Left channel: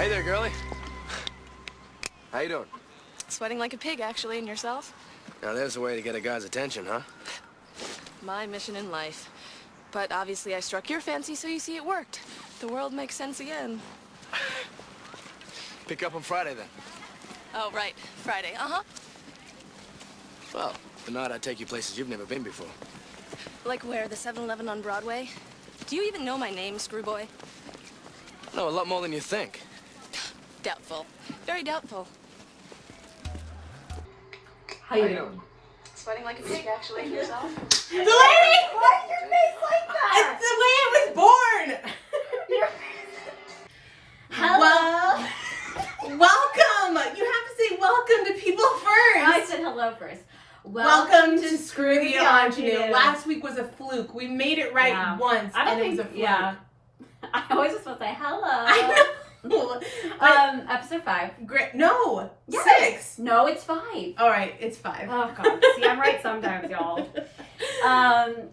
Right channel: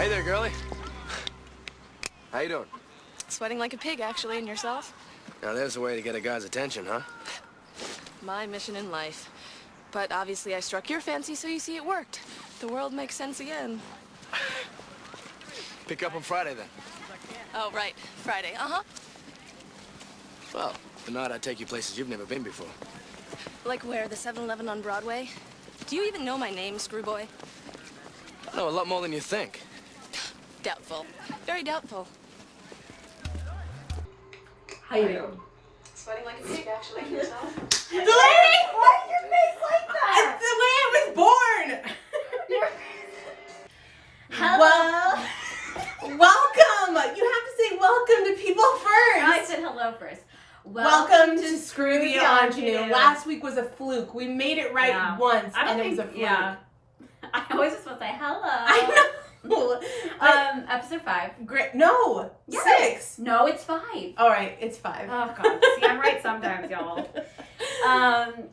Hey there, girlie. How you doing? Sweating like a pig, actually, and yourself? Now there's a way to get a guy's attention, huh? My mission in life. But obviously I struck your fancy, so you see it worked. The world makes sense again. Pick up on Friday, then. Oh, right. Friday. Uh-huh. Well, if not, I'd take you places you've never been before. Like where? The 7-Eleven on Broadway? Do you even know my name, Screwboy? I know a lot more than you think. Doubtful. Very doubtful. How you doing? Sweating like a pig, actually, and yourself? Delaney! Why is your face like that? It's the way I was born! Hello. Welcome! You have to say welcome to people first. I said hello first. Welcome to Screw the Ingenue. Ingenue. Last week was a fluke. We made it right once, I don't and think, it was a fluke. Yeah. I always just want to say hello. I know. Episode 5. Great. No. Yes. 6. No, it's 5. All right, it's 5. Oh god. See, I'm right sometimes, y'all.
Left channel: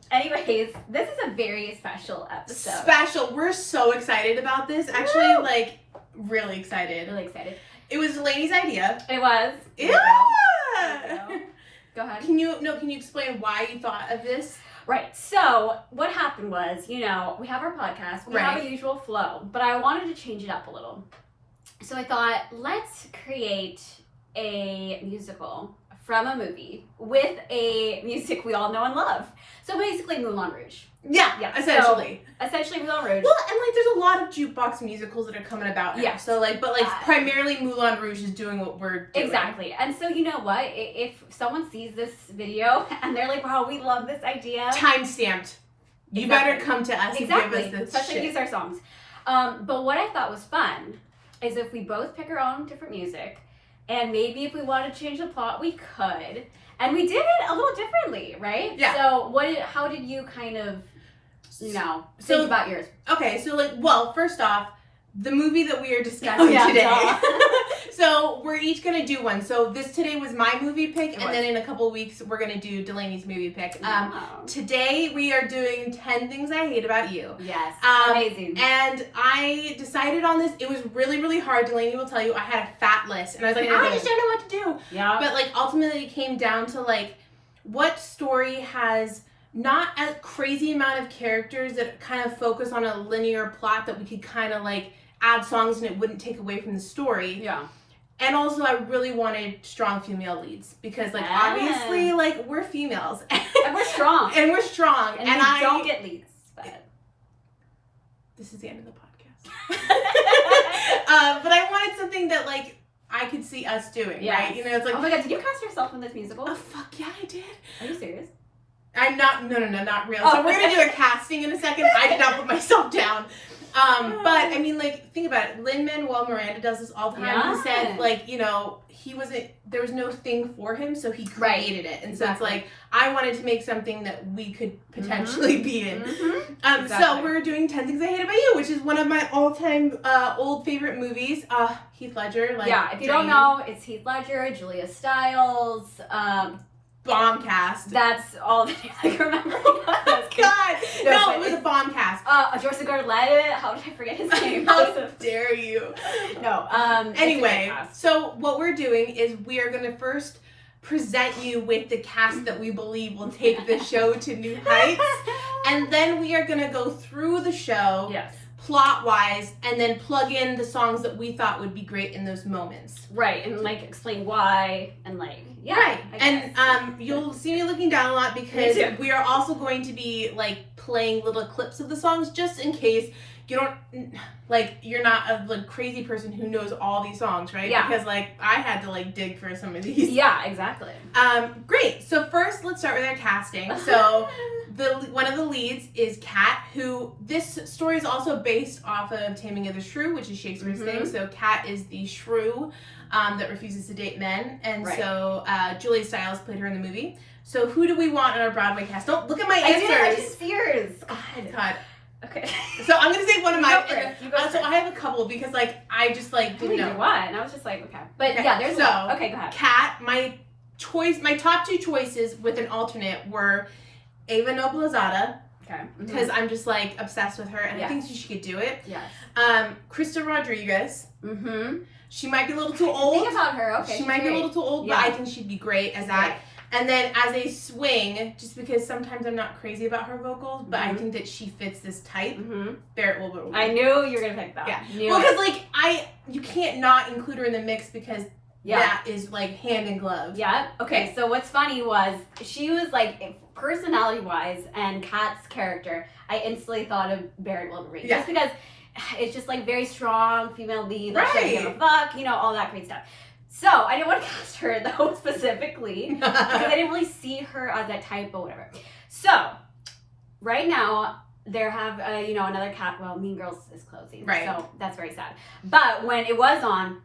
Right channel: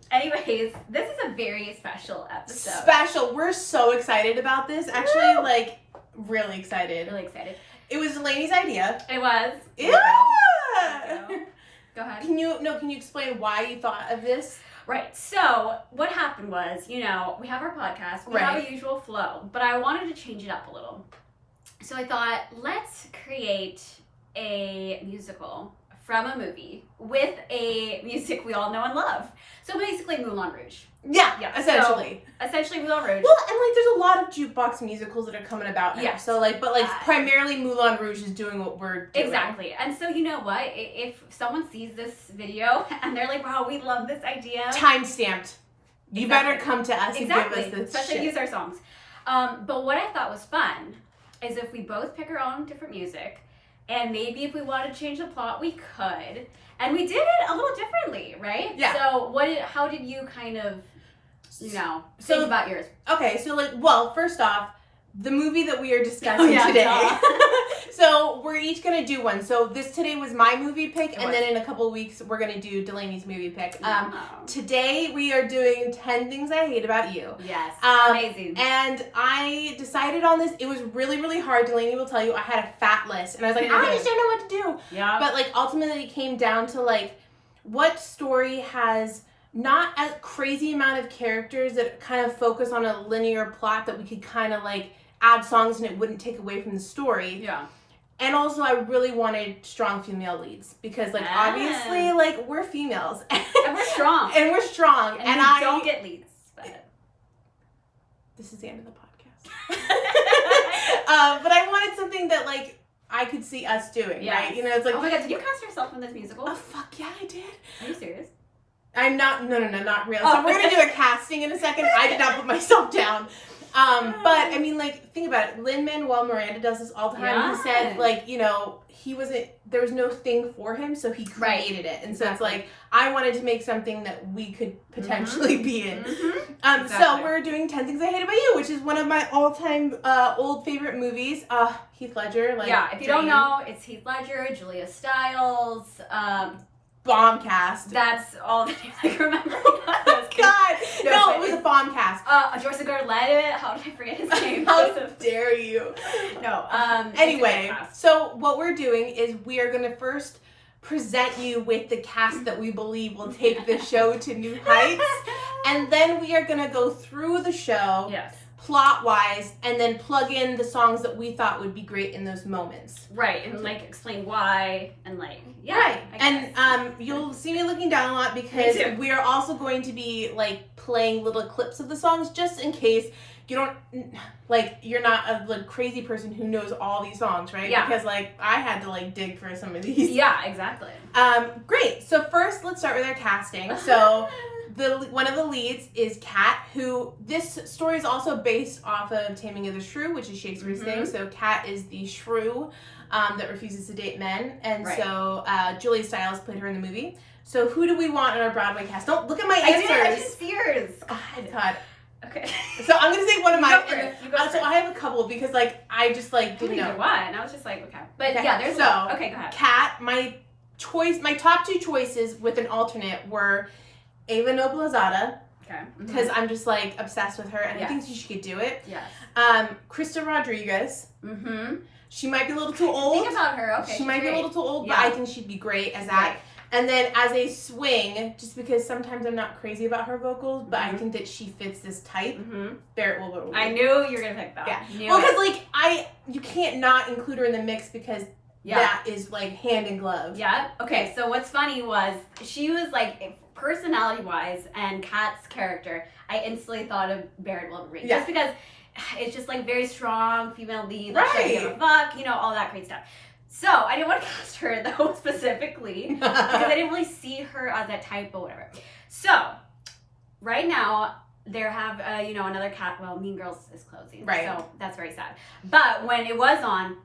Anyways, this is a very special episode. Special. We're so excited about this. Actually, Woo! like, really excited. Really excited. It was Delaney's idea. It was. Yeah. Go ahead. Can you explain why you thought of this? Right. So what happened was, we have our podcast, we have a usual flow, but I wanted to change it up a little. So I thought, let's create a musical from a movie with a music we all know and love. So basically Moulin Rouge. Yeah, essentially. So, essentially Moulin Rouge. Well, and like there's a lot of jukebox musicals that are coming about now. Yeah. So primarily Moulin Rouge is doing what we're doing. Exactly. And so you know what? If someone sees this video and they're like, wow, we love this idea. Time stamped. You better come to us and give us this Especially shit. use our songs. But what I thought was fun is if we both pick our own different music, and maybe if we want to change the plot, we could. And we did it a little differently, right? Yeah. So how did you kind of, think about yours? Okay, so first off, the movie that we are discussing today. So we're each gonna do one. So today was my movie pick, and then in a couple of weeks we're gonna do Delaney's movie pick. Today we are doing 10 Things I Hate About You. Yes, amazing. And I decided on this. It was really, really hard. Delaney will tell you I had a fat list, and I was like, I just don't know what to do. Yeah. But ultimately it came down to what story has not a crazy amount of characters that kind of focus on a linear plot that we could kind of add songs and it wouldn't take away from the story. Yeah. And also, I really wanted strong female leads because, obviously, we're females. And we're strong. And we're strong. And we don't get leads. But this is the end of the podcast. But I wanted something that, I could see us doing, right? It's oh my god, did you cast yourself in this musical? Oh, fuck yeah, I did. Are you serious? I'm not, no, not real. Oh. So we're going to do a casting in a second. I did not put myself down. But I mean, think about it. Lin-Manuel Miranda does this all the time. Yeah. He said, there was no thing for him, so he created it. And so it's I wanted to make something that we could potentially be in. Mm-hmm. So we're doing 10 Things I Hate About You, which is one of my all-time old favorite movies. Heath Ledger. If you don't know, it's Heath Ledger, Julia Stiles, bomb cast. That's all the names I can remember. God, no, it was a bomb cast. Joseph Gordon-Levitt. How did I forget his name? How dare you? No. Anyway, so what we're doing is we are going to first present you with the cast that we believe will take the show to new heights, and then we are going to go through the show. Yes. Plot-wise, and then plug in the songs that we thought would be great in those moments. Right, and explain why, and right. And you'll see me looking down a lot because we are also going to be playing little clips of the songs just in case you don't you're not a crazy person who knows all these songs, right? Yeah. Because I had to dig for some of these. Yeah, exactly. Great. So first, let's start with our casting. So. One of the leads is Kat, who this story is also based off of Taming of the Shrew, which is Shakespeare's thing. So Kat is the shrew that refuses to date men, and so Julia Stiles played her in the movie. So who do we want in our Broadway cast? Don't look at my answers. I did see yours. God. Okay. So I'm gonna say one of my. You go first. So I have a couple because I just didn't know what, and I was just okay. But yeah, there's a okay. Go ahead. Kat, my top 2 choices with an alternate were Ava Noblezada Okay. because I'm just like obsessed with her, and I think she could do it. Yes. Krista Rodriguez. Mm-hmm. She might be a little too old. Think about her. Okay. She might be a little too old, but I think she'd be great as that. And then as a swing, just because sometimes I'm not crazy about her vocals, but I think that she fits this type. Barrett Wilbur. I knew you were gonna pick that. Yeah. Well, because like you can't not include her in the mix because that is like hand in glove. Yeah. Okay. So what's funny was she was like personality wise and Kat's character. I instantly thought of Barrett Wilbur just because it's just like very strong female lead. Like she doesn't give a fuck. You know, all that great stuff. So I didn't want to cast her though specifically because I didn't really see her as that type or whatever. So right now there have another cat. Well, Mean Girls is closing, so that's very sad. But when it was on,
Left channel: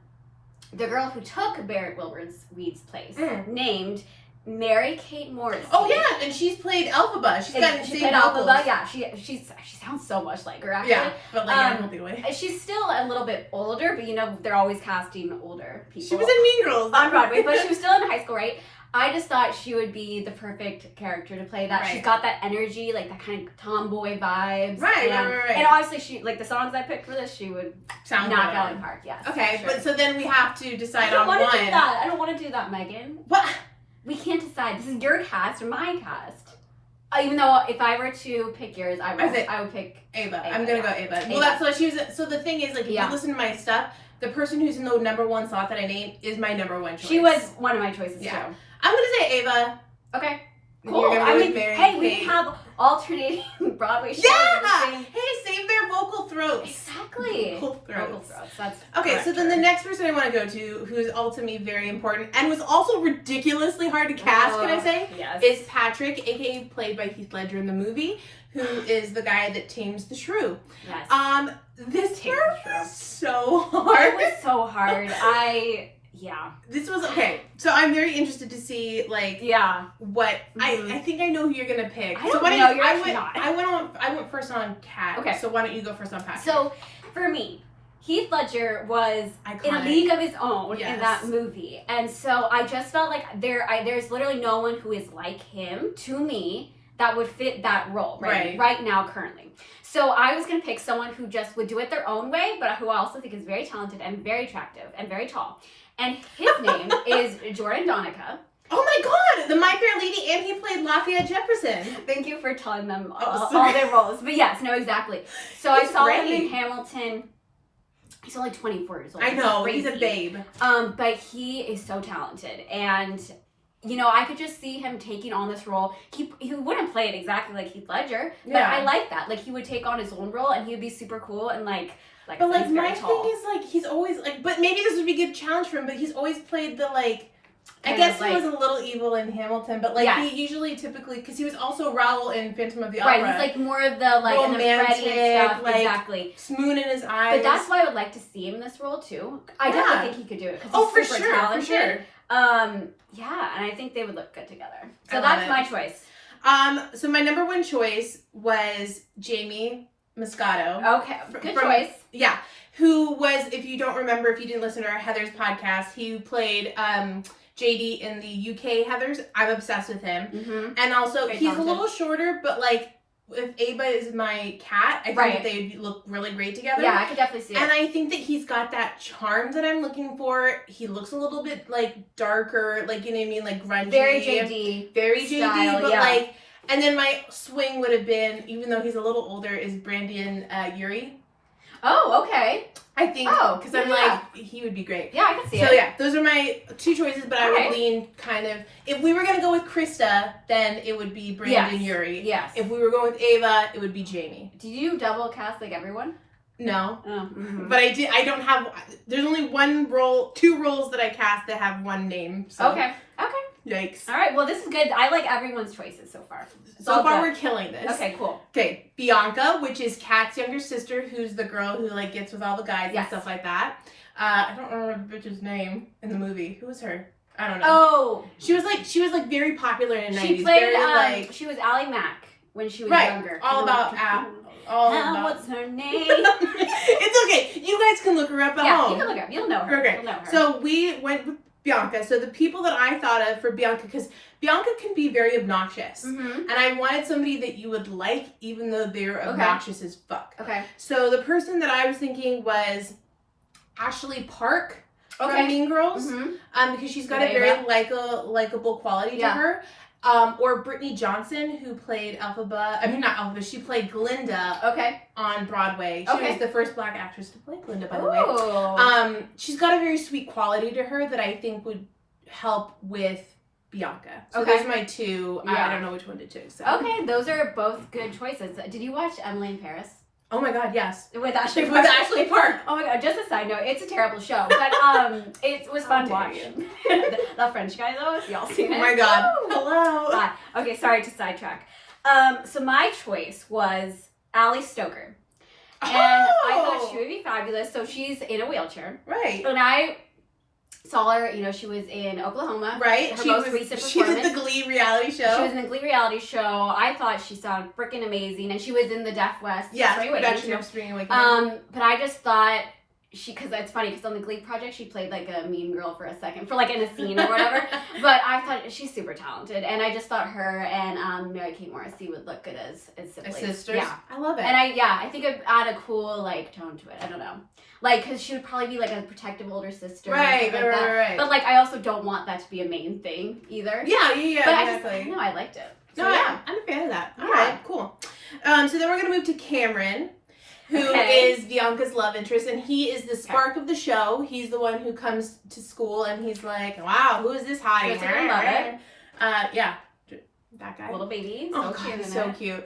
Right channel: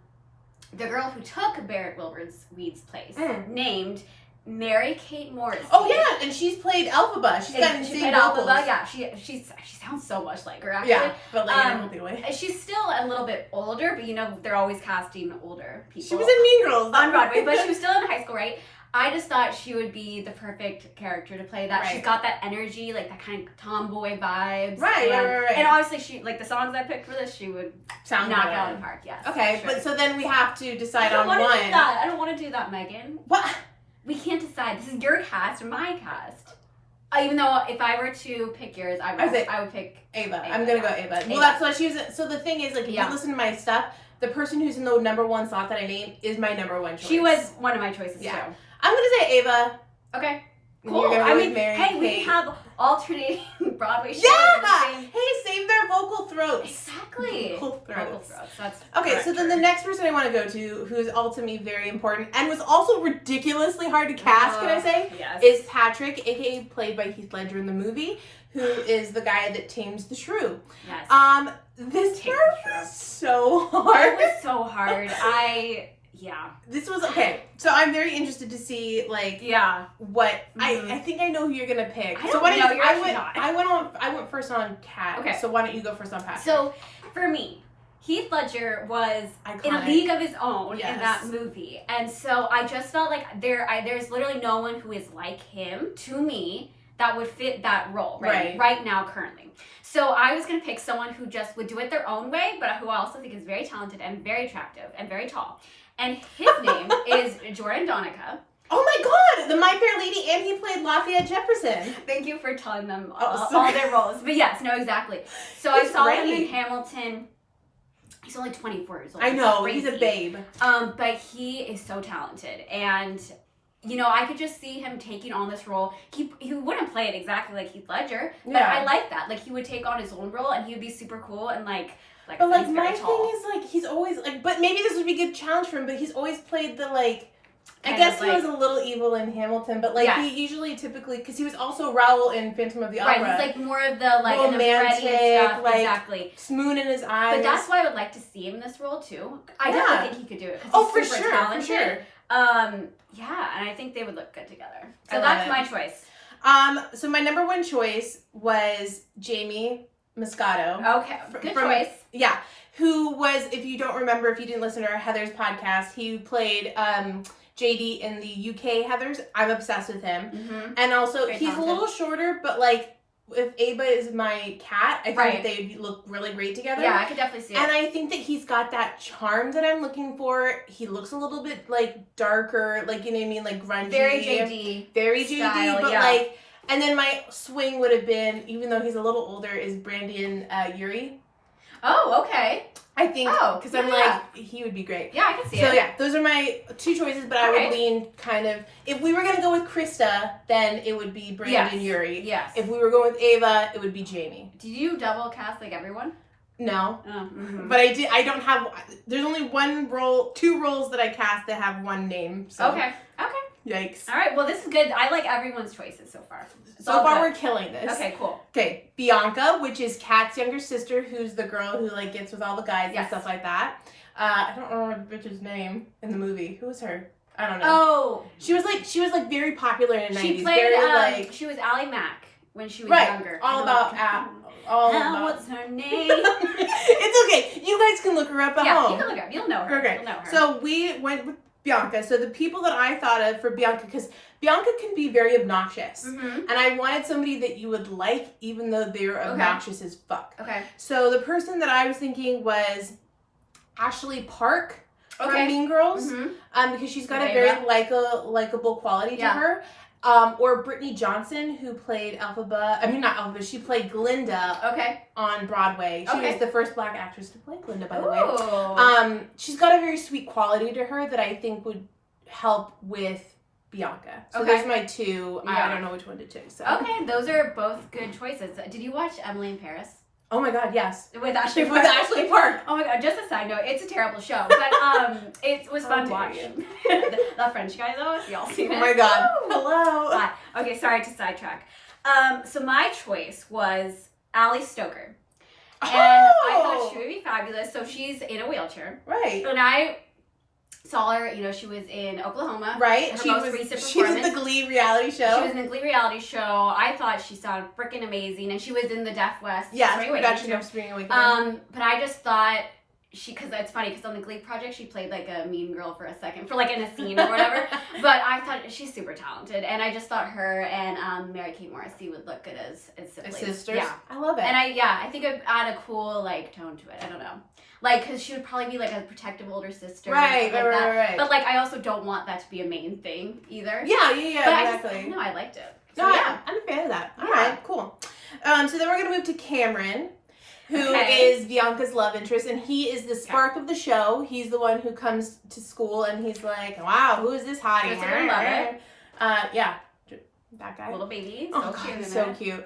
the girl who took Barrett Wilbur's Weed's place named Mary Kate Morris. Oh yeah, and she's played Elphaba. She played Elphaba. Yeah, she sounds so much like her actually. Yeah, but like in a healthy way. She's still a little bit older, but they're always casting older people. She was in Mean Girls on Broadway, but she was still in high school, right? I just thought she would be the perfect character to play that. Right. She's got that energy, like that kind of tomboy vibes. Right. And obviously, she like the songs I picked for this, she would knock out of the park. Yes. Okay, but so then we have to decide on one. I don't want to do that, Megan. What? We can't decide. This is your cast or my cast. Even though if I were to pick yours, I would pick Ava. I'm gonna go Ava. Well, that's what she was. So the thing is, like, if you listen to my stuff, the person who's in the number one slot that I named is my number one choice. She was one of my choices too. I'm gonna say Ava. Okay. Cool. I mean, hey, we can have alternating Broadway shows. Yeah. Hey, save their vocal throats. Exactly. Vocal throats. That's okay. So then the next person I want to go to, who is ultimately very important and was also ridiculously hard to cast, can I say? Yes. Is Patrick, aka played by Heath Ledger in the movie, who is the guy that tames the shrew. Yes. This part was so hard. It was so hard. This was okay. So I'm very interested to see what I think I know who you're gonna pick. I don't know. You're actually not. I went first on Kat. Okay. So why don't you go first on Patrick? So for me, Heath Ledger was in a league of his own in that movie, and so I just felt like there's literally no one who is like him to me that would fit that role right now currently. So I was gonna pick someone who just would do it their own way, but who I also think is very talented and very attractive and very tall. And his name is Jordan Donica. Oh my God, the My Fair Lady, and he played Lafayette Jefferson. Thank you for telling them all their roles. But yes, no, exactly. So I saw him in Hamilton. He's only 24 years old. I know, he's a babe. But he is so talented. And, I could just see him taking on this role. He wouldn't play it exactly like Heath Ledger, but I like that. Like, he would take on his own role, and he would be super cool and, but like my thing is like he's always like, but maybe this would be a good challenge for him. But he's always played the I guess he was a little evil in Hamilton, but he usually typically because he was also Raoul in Phantom of the Opera. Right, he's like more of the romantic and the Freddie and stuff. Exactly, swoon in his eyes. But that's why I would like to see him in this role too. I definitely think he could do it because he's super talented. For sure. And I think they would look good together. So that's my choice. So my number one choice was Jamie Moscato. Okay, good choice. Yeah, who was, if you don't remember, if you didn't listen to our Heather's podcast, he played JD in the UK Heather's. I'm obsessed with him. Mm-hmm. And also, he's a little shorter, but if Ava is my cat, I think they look really great together. Yeah, I could definitely see it. And I think that he's got that charm that I'm looking for. He looks a little bit darker, you know what I mean, grungy. Very JD. Very style, JD, but and then my swing would have been, even though he's a little older, is Brandon Urie. Oh, okay. I think, because I'm he would be great. Yeah, I can see it. So yeah, those are my two choices, but I would lean kind of, if we were going to go with Krista, then it would be Brandon Urie. Yes. If we were going with Ava, it would be Jamie. Did you double cast everyone? No. Oh, mm-hmm. But I don't have, there's only two roles that I cast that have one name. So. Okay. Yikes. All right, well, this is good. I like everyone's choices so far. So far, we're killing this. Okay, cool. Okay, Bianca, which is Kat's younger sister, who's the girl who gets with all the guys and stuff like that. I don't remember the bitch's name in the movie. Who was her? I don't know. Oh, she was very popular in the 90s. She played she was Ally Mack when she was younger. All about what's her name? It's okay. You guys can look her up at home. Yeah, you can look her up. You'll know her. Okay. You'll know her. So we went with Bianca. So the people that I thought of for Bianca, because Bianca can be very obnoxious. And I wanted somebody that you would like, even though they're obnoxious as fuck. Okay. So the person that I was thinking was Ashley Park from Mean Girls. Because she's got a very likable quality to her. Or Brittany Johnson, who played she played Glinda on Broadway. She was the first black actress to play Glinda, by the way. She's got a very sweet quality to her that I think would help with Bianca. So those are my two. I don't know which one to choose. So. Okay, those are both good choices. Did you watch Emily in Paris? Oh my god, yes. With Ashley Park. With Ashley Park. Oh my god, just a side note, it's a terrible show, but it was fun to watch. The French guy though, if y'all seen it. Oh my god. Hello. Okay, sorry to sidetrack. So my choice was Ali Stoker. And I thought she would be fabulous. So she's in a wheelchair. Right. And I saw her, she was in Oklahoma. Right. Her most recent performance. She did the Glee reality show. She was in the Glee reality show. I thought she sounded freaking amazing. And she was in the Deaf West Spring Awakening. But I just thought because it's funny, because on the Glee project, she played like a mean girl for a second, for like in a scene or whatever. But I thought she's super talented. And I just thought her and Mary-Kate Morrissey would look good as siblings. As sisters? Yeah. I love it. And I think it would add a cool like tone to it. I don't know. Like, because she would probably be like a protective older sister. Right. But like, I also don't want that to be a main thing either. Yeah, but exactly. I liked it. So, I'm a fan of that. All right, cool. So then we're going to move to Cameron, who is Bianca's love interest, and he is the spark of the show. He's the one who comes to school, and he's like, wow, who is this hottie? I love it. Yeah. That guy. Little baby. So cute. So cute.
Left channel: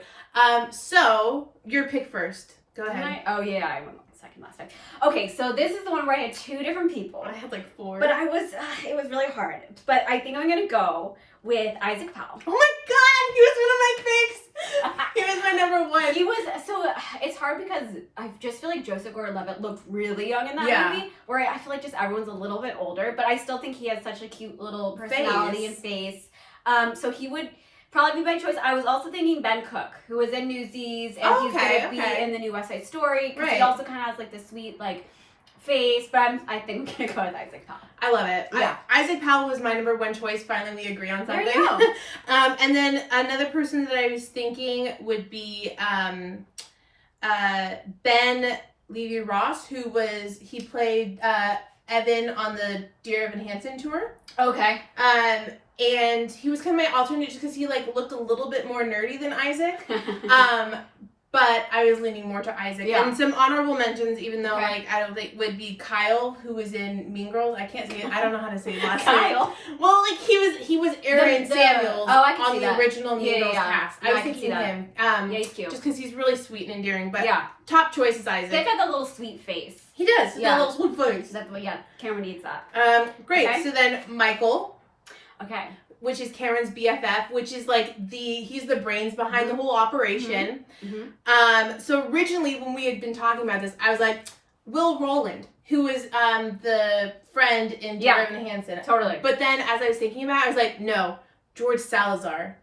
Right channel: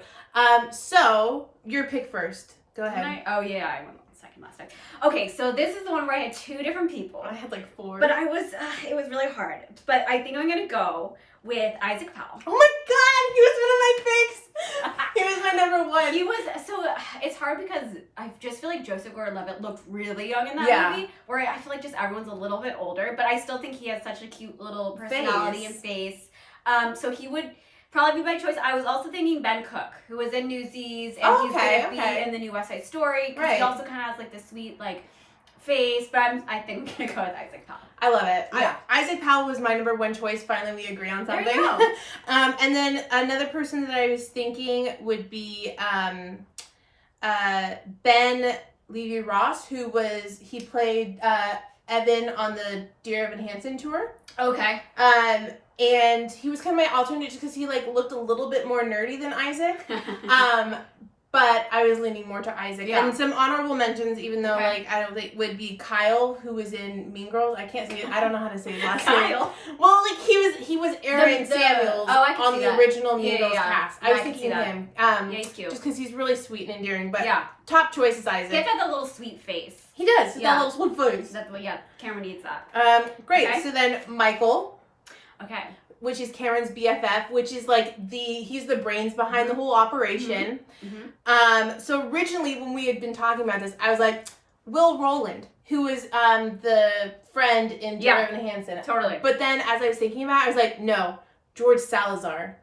So, your pick first. Go ahead. I went second last time. Okay, so this is the one where I had two different people. I had like four. But it was really hard. But I think I'm going to go with Isaac Powell. Oh my god, he was one of my picks. He was my number one. He was, so it's hard because I just feel like Joseph Gordon-Levitt looked really young in that movie, where I feel like just everyone's a little bit older, but I still think he has such a cute little personality and face. So he would probably be my choice. I was also thinking Ben Cook, who was in Newsies, and he's going to be in the new West Side Story, because he also kind of has like the sweet like face, but I think I'm going to go with Isaac Powell. I love it. Yeah. Isaac Powell was my number one choice. Finally, we agree on something. There you go. And then another person that I was thinking would be Ben Levy-Ross, who played Evan on the Dear Evan Hansen tour. Okay. And he was kind of my alternate just because he like looked a little bit more nerdy than Isaac. But I was leaning more to Isaac. Yeah. And some honorable mentions, even though like I don't think would be Kyle, who was in Mean Girls. I can't say it. I don't know how to say it last name. Kyle. Well, like he was Aaron Samuels on the original Mean Girls cast. I was thinking of him. He's cute. Just because he's really sweet and endearing. But top choice is Isaac. He's got the little sweet face. He does. He's got a little sweet face. Cameron needs that. Great. Okay. So then Michael. Okay. Which is Karen's BFF, which is like he's the brains behind the whole operation. So originally when we had been talking about this, I was like, Will Rowland, who was the friend in Dear Evan Hansen. Totally. But then as I was thinking about it, I was like, no, George Salazar.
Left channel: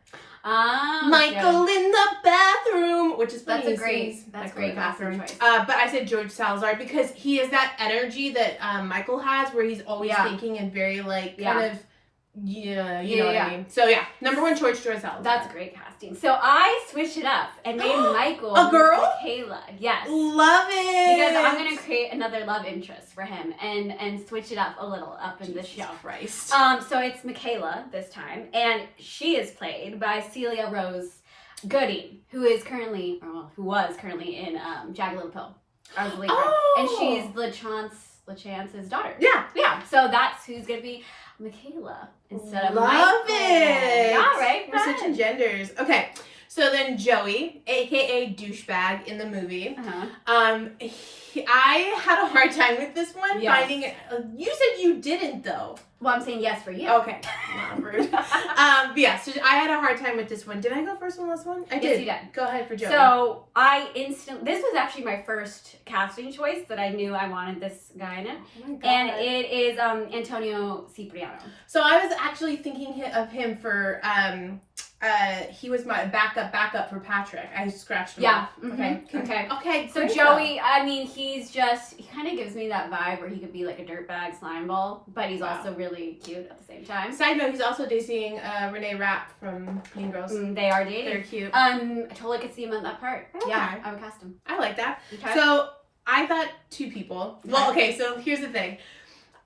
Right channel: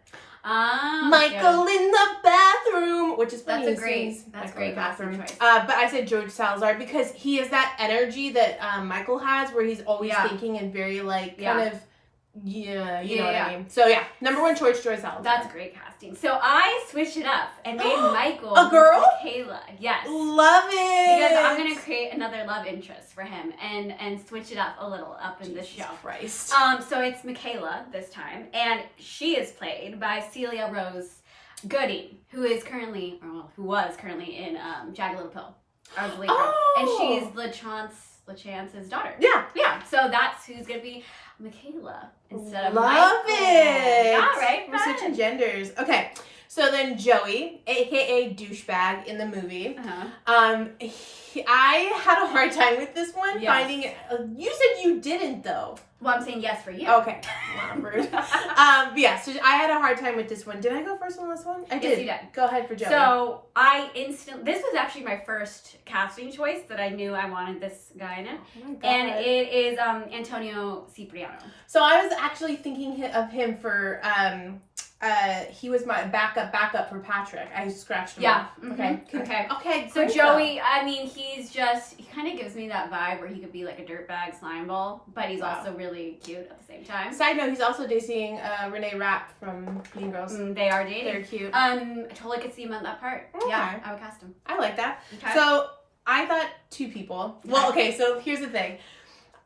Michael in the bathroom, which is funny. That's a great bathroom choice. But I said George Salazar because he has that energy that Michael has, where he's always thinking and very like kind of. Yeah, you know what I mean. So number one choice, George Salazar. That's great casting. So I switched it up and made Michael a girl, Michaela. Yes, love it. Because I'm gonna create another love interest for him and switch it up a little in this show. Christ. So it's Michaela this time, and she is played by Celia Rose Gooding, who was currently in Jagged Little Pill. I was and she's LaChance's daughter. Yeah. So that's who's gonna be Michaela instead of Michael. Love it. Yeah, right? We're switching genders. Okay. So then Joey, aka douchebag in the movie. I had a hard time with this one finding it. You said you didn't though. Well, I'm saying yes for you. Okay. Rude. So I had a hard time with this one. Did I go first on this one? I did. Yes, you did. Go ahead for Joey. So this was actually my first casting choice that I knew I wanted this guy in it. Oh my God. And it is Antonio Cipriano. So I was actually thinking of him for he was my backup for Patrick. I scratched him Yeah. off. Okay. Okay. So great Joey, I mean, he kind of gives me that vibe where he could be like a dirtbag slime ball, but he's also really cute at the same time. Side note, he's also dating Renee Rapp from Mean Girls. They are dating. They're cute. I totally could see him in that part. Okay. Yeah, I would cast him. I like that. Okay. So I thought 2 people. Well, okay, so here's the thing.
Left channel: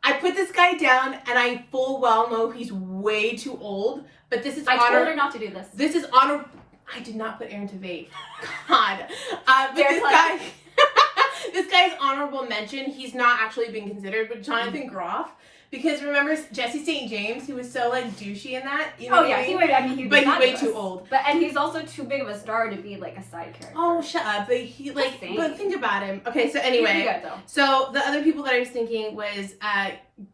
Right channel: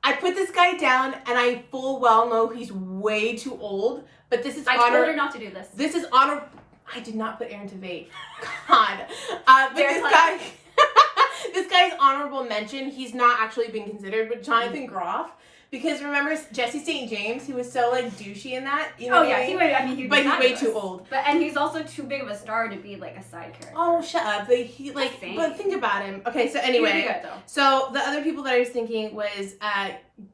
I put this guy down, and I full well know he's way too old. But this is I told her not to do this. This is honor. I did not put Aaron Tveit. God. But this guy's honorable mention. He's not actually been considered, but Jonathan Groff. Because remember Jesse St. James, he was so like douchey in that. You know he's way too old. And he's also too big of a star to be like a side character. Oh, shut up! But think about him. Okay, so anyway, He'd be good, though. So the other people that I was thinking was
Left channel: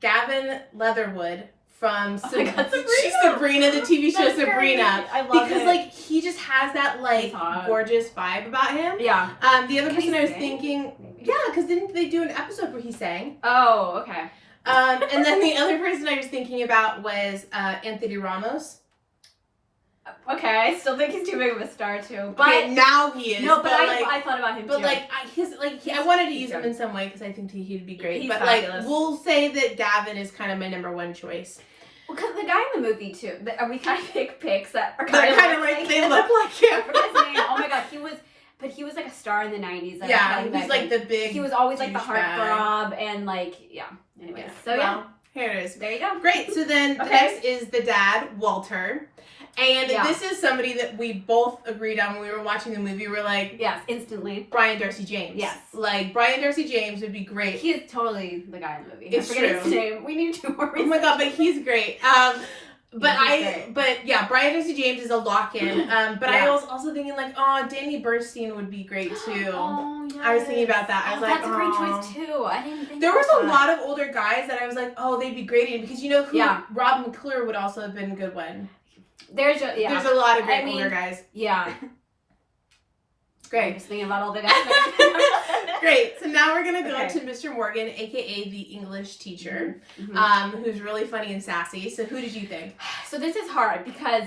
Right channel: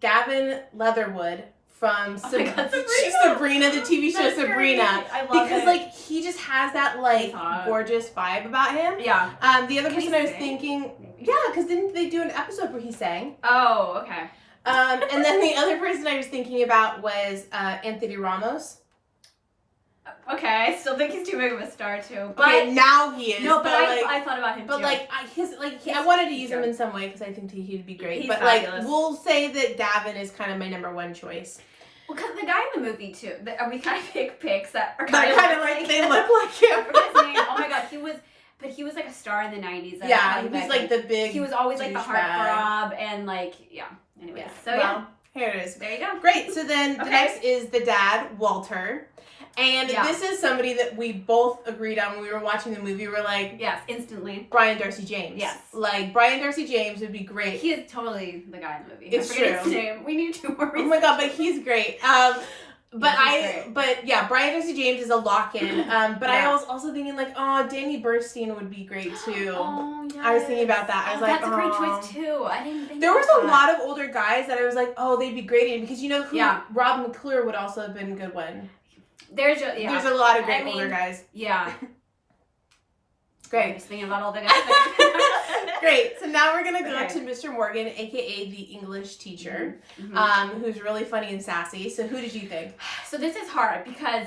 Gavin Leatherwood from Sabrina, the TV show That's Sabrina. great. I love it. Because like he just has that like gorgeous vibe about him. Yeah. The other person I was thinking, yeah, because didn't they do an episode where he sang? Oh, okay. And then the other person I was thinking about was Anthony Ramos. Okay, I still think he's too big of a star too. But okay, now he is. No, but I thought about him too. But I wanted to use him in some way because I think he'd be great. He's but fabulous. We'll say that Gavin is kind of my number 1 choice. Well, because the guy in the movie too. We kind of pick picks that are kind of like they look like him. I forget his name. Oh my god, he was like a star in the 90s. Yeah, he was like the big. He was always like the heartthrob and like Anyways, here it is. There you go. Great. So then the next is the dad, Walter. And this is somebody that we both agreed on when we were watching the movie. We're like, yes, instantly. Brian Darcy James. Yes. Like, Brian Darcy James would be great. He is totally the guy in the movie. It's I forget true. his name. We need 2 more reasons. Oh my god, but he's great. But Brian Darcy James is a lock-in. But I was also thinking like, Danny Burstein would be great too. Oh, yes. I was thinking about that. I was like, that's a great choice too. I didn't think there was about a lot of older guys that I was like, they'd be great in because you know who? Yeah. Rob McClure would also have been a good one. There's a lot of great older guys. Yeah. Great. I'm just thinking about all the guys. Great. So now we're gonna go to Mr. Morgan, aka the English teacher, who's really funny and sassy. So who did you think? So this is hard because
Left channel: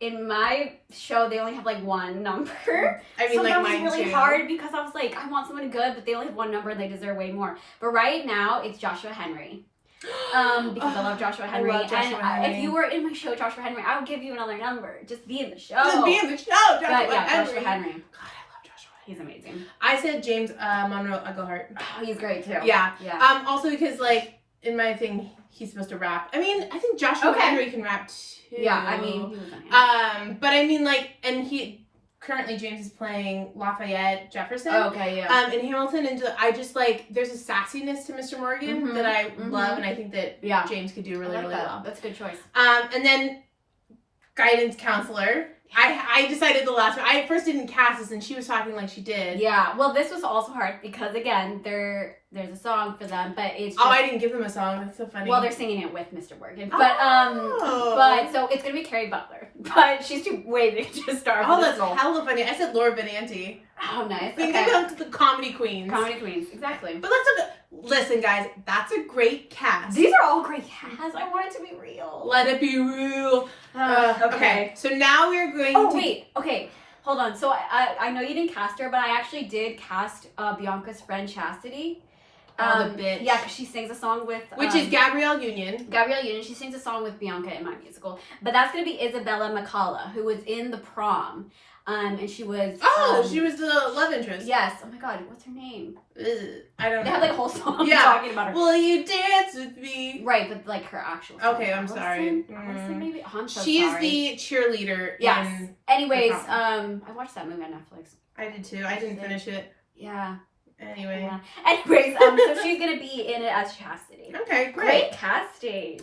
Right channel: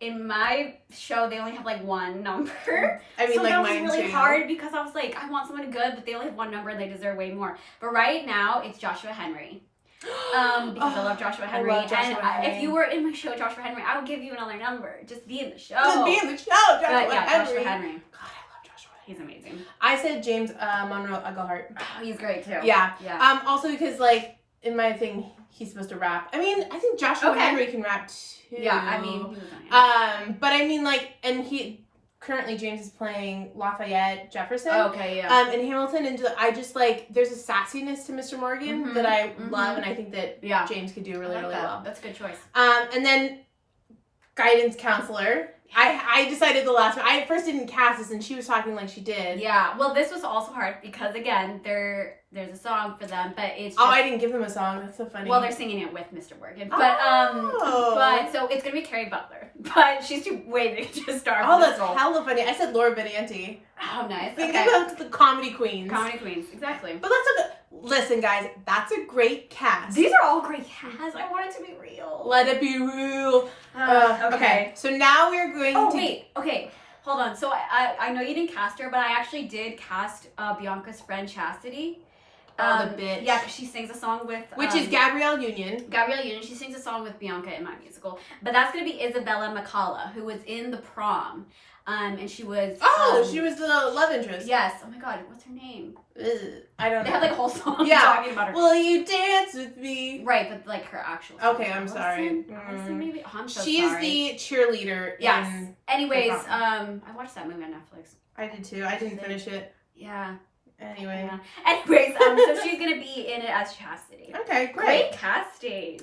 in my show they only have like 1 number. I mean, so like that was mine really too. hard because I was like, I want someone good, but they only have 1 number and they deserve way more. But right now it's Joshua Henry. Because I love Joshua Henry. Henry. If you were in my show, Joshua Henry, I would give you another number. Just be in the show. Joshua Henry. Joshua Henry. God, I love Joshua. He's amazing. I said James Monroe Egelhart. Oh, he's great too. Yeah. Yeah. Also because like in my thing, he's supposed to rap. I mean, I think Joshua Henry can rap too. Yeah. I mean, he was but I mean like, and he. Currently, James is playing Lafayette Jefferson. Oh, okay, yeah. In Hamilton, and I just like there's a sassiness to Mr. Morgan that I love, and I think that James could do really, really well. That's a good choice. And then guidance counselor. I decided the last one. I at first didn't cast this, and she was talking like she did. Yeah. Well, this was also hard because again, there's a song for them, but it's just, I didn't give them a song. That's so funny. Well, they're singing it with Mr. Morgan, but so it's gonna be Carrie Butler, but she's too way big to star. Oh, that's hella funny. I said Laura Benanti. Oh, nice. Think about the comedy queens. Comedy queens, exactly. But listen, guys, that's a great cast. These are all great casts. I want it to be real. Let it be real. Okay. So now we're going to... Oh, wait. Okay. Hold on. So I know you didn't cast her, but I actually did cast Bianca's friend Chastity. The bitch. Yeah, because she sings a song with... Which is Gabrielle Union. Gabrielle Union. She sings a song with Bianca in my musical. But that's going to be Isabella McCalla, who was in The Prom. And she was... she was the love interest. Yes. Oh my god, what's her name? I don't know. They have like a whole song talking about her. Will you dance with me? Right, but like her actual song. Okay, I'm sorry. Allison, maybe? Oh, I'm so She's sorry. the cheerleader. Yes. Anyways, I watched that movie on Netflix. I did too. I didn't finish it. Yeah. Anyway. Yeah. Anyways, so she's gonna be in it as Chastity. Okay, great casting.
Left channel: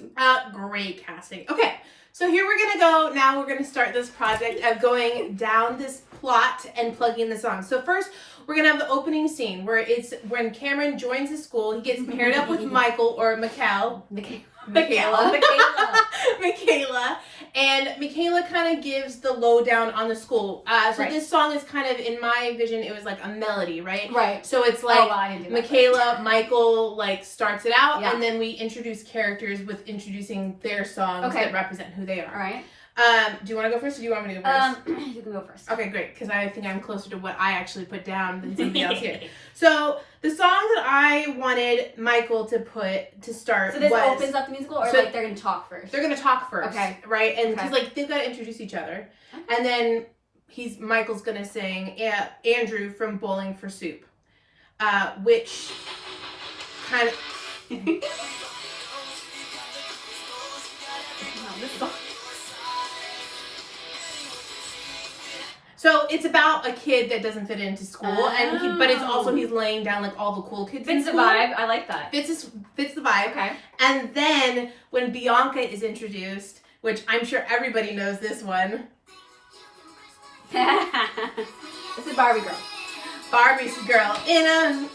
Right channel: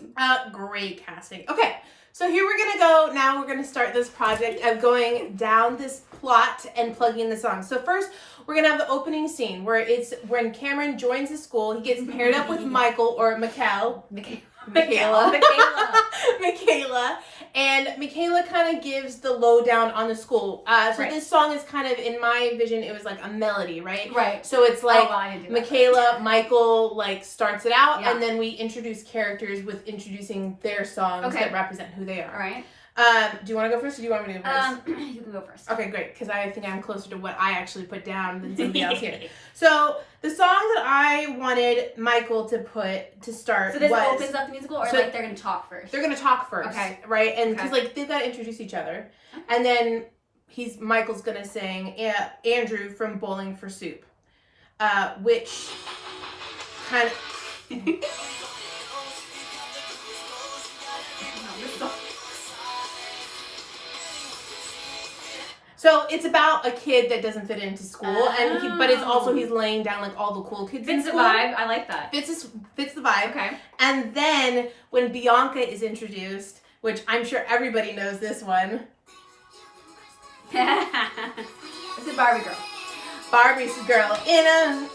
Great casting. Okay. So here we're gonna go, now we're gonna start this project of going down this plot and plugging the song. So first, we're gonna have the opening scene where it's when Cameron joins the school, he gets paired up with Michael or Michaela. And Michaela kind of gives the lowdown on the school. This song is kind of, in my vision, it was like a melody, right? Right. So it's like Michaela, Michael, like starts it out, and then we introduce characters with introducing their songs that represent who they are. All right. Do you want to go first or do you want me to go first? You can go first. Okay, great, because I think I'm closer to what I actually put down than somebody else here. So, the song that I wanted Michael to put to start So this was, opens up the musical, or like they're going to talk first? They're going to talk first. Okay. Right? And because, like, they've got to introduce each other. Okay. And then Michael's going to sing Andrew from Bowling for Soup, which kind of... So it's about a kid that doesn't fit into school, but it's also he's laying down like all the cool kids. Fits the vibe. I like that. Fits the vibe. Okay. And then when Bianca is introduced, which I'm sure everybody knows this one. This is Barbie Girl. Barbie's girl in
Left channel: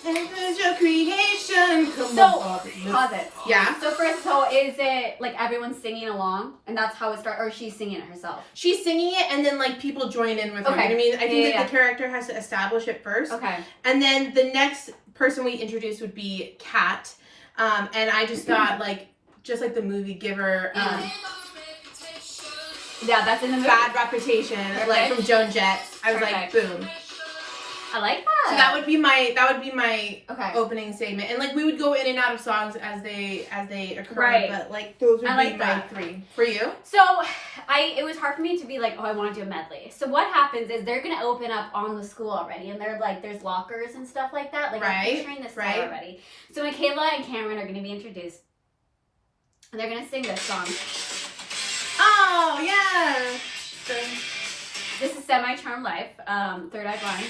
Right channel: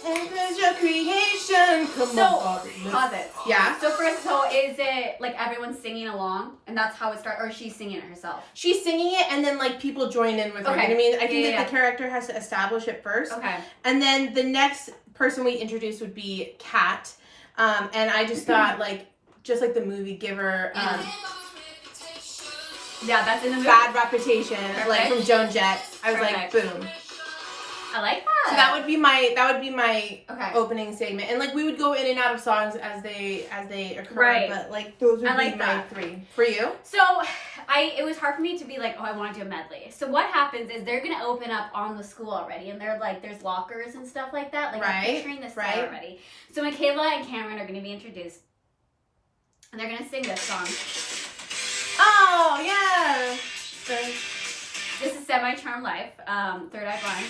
your creation. Pause it. Yeah. So first, is it like everyone's singing along, and that's how it starts, or she's singing it herself? She's singing it, and then like people join in with her. Okay. I mean, I think that the character has to establish it first. Okay. And then the next person we introduce would be Kat, and I just thought just like the movie, give her. Yeah, that's in the movie. Bad Reputation, like from Joan Jett. I was like, boom. I like that. So that would be my opening statement, and like we would go in and out of songs as they occur. Right. But like those would be my three. For you? So it was hard for me to be like, oh, I want to do a medley. So what happens is they're gonna open up on the school already, and they're like, there's lockers and stuff like that. Like I'm picturing this set already. So Michaela and Cameron are gonna be introduced, and they're gonna sing this song. Oh yeah. This is Semi-Charmed Life, Third Eye Blind.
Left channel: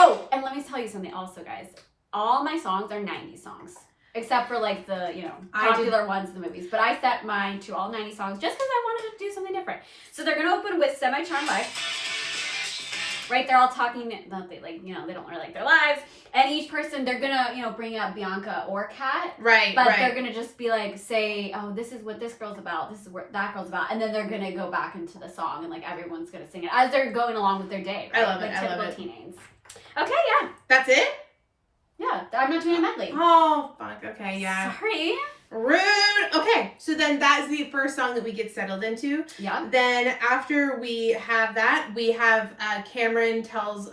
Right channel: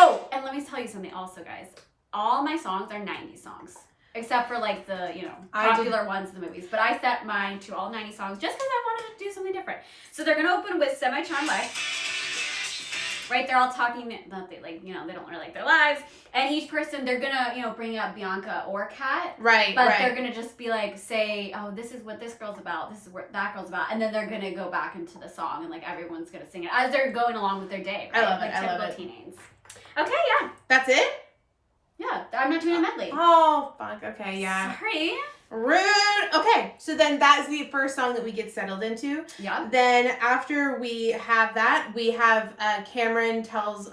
Oh, and let me tell you something also, guys. All my songs are 90s songs. Except for like the, popular ones in the movies. But I set mine to all 90s songs just because I wanted to do something different. So they're going to open with Semi-Charmed Life. Right? They're all talking, they don't really like their lives. And each person, they're going to, bring up Bianca or Kat. Right, But they're going to just be like, say, oh, this is what this girl's about. This is what that girl's about. And then they're going to go back into the song and like everyone's going to sing it as they're going along with their day. Right? I love it. Like typical teenagers. Okay, yeah. That's it? Yeah, I'm not doing a medley. Oh, fuck. Okay, yeah. Sorry. Rude. Okay, so then that is the first song that we get settled into. Yeah. Then after we have that, we have Cameron tells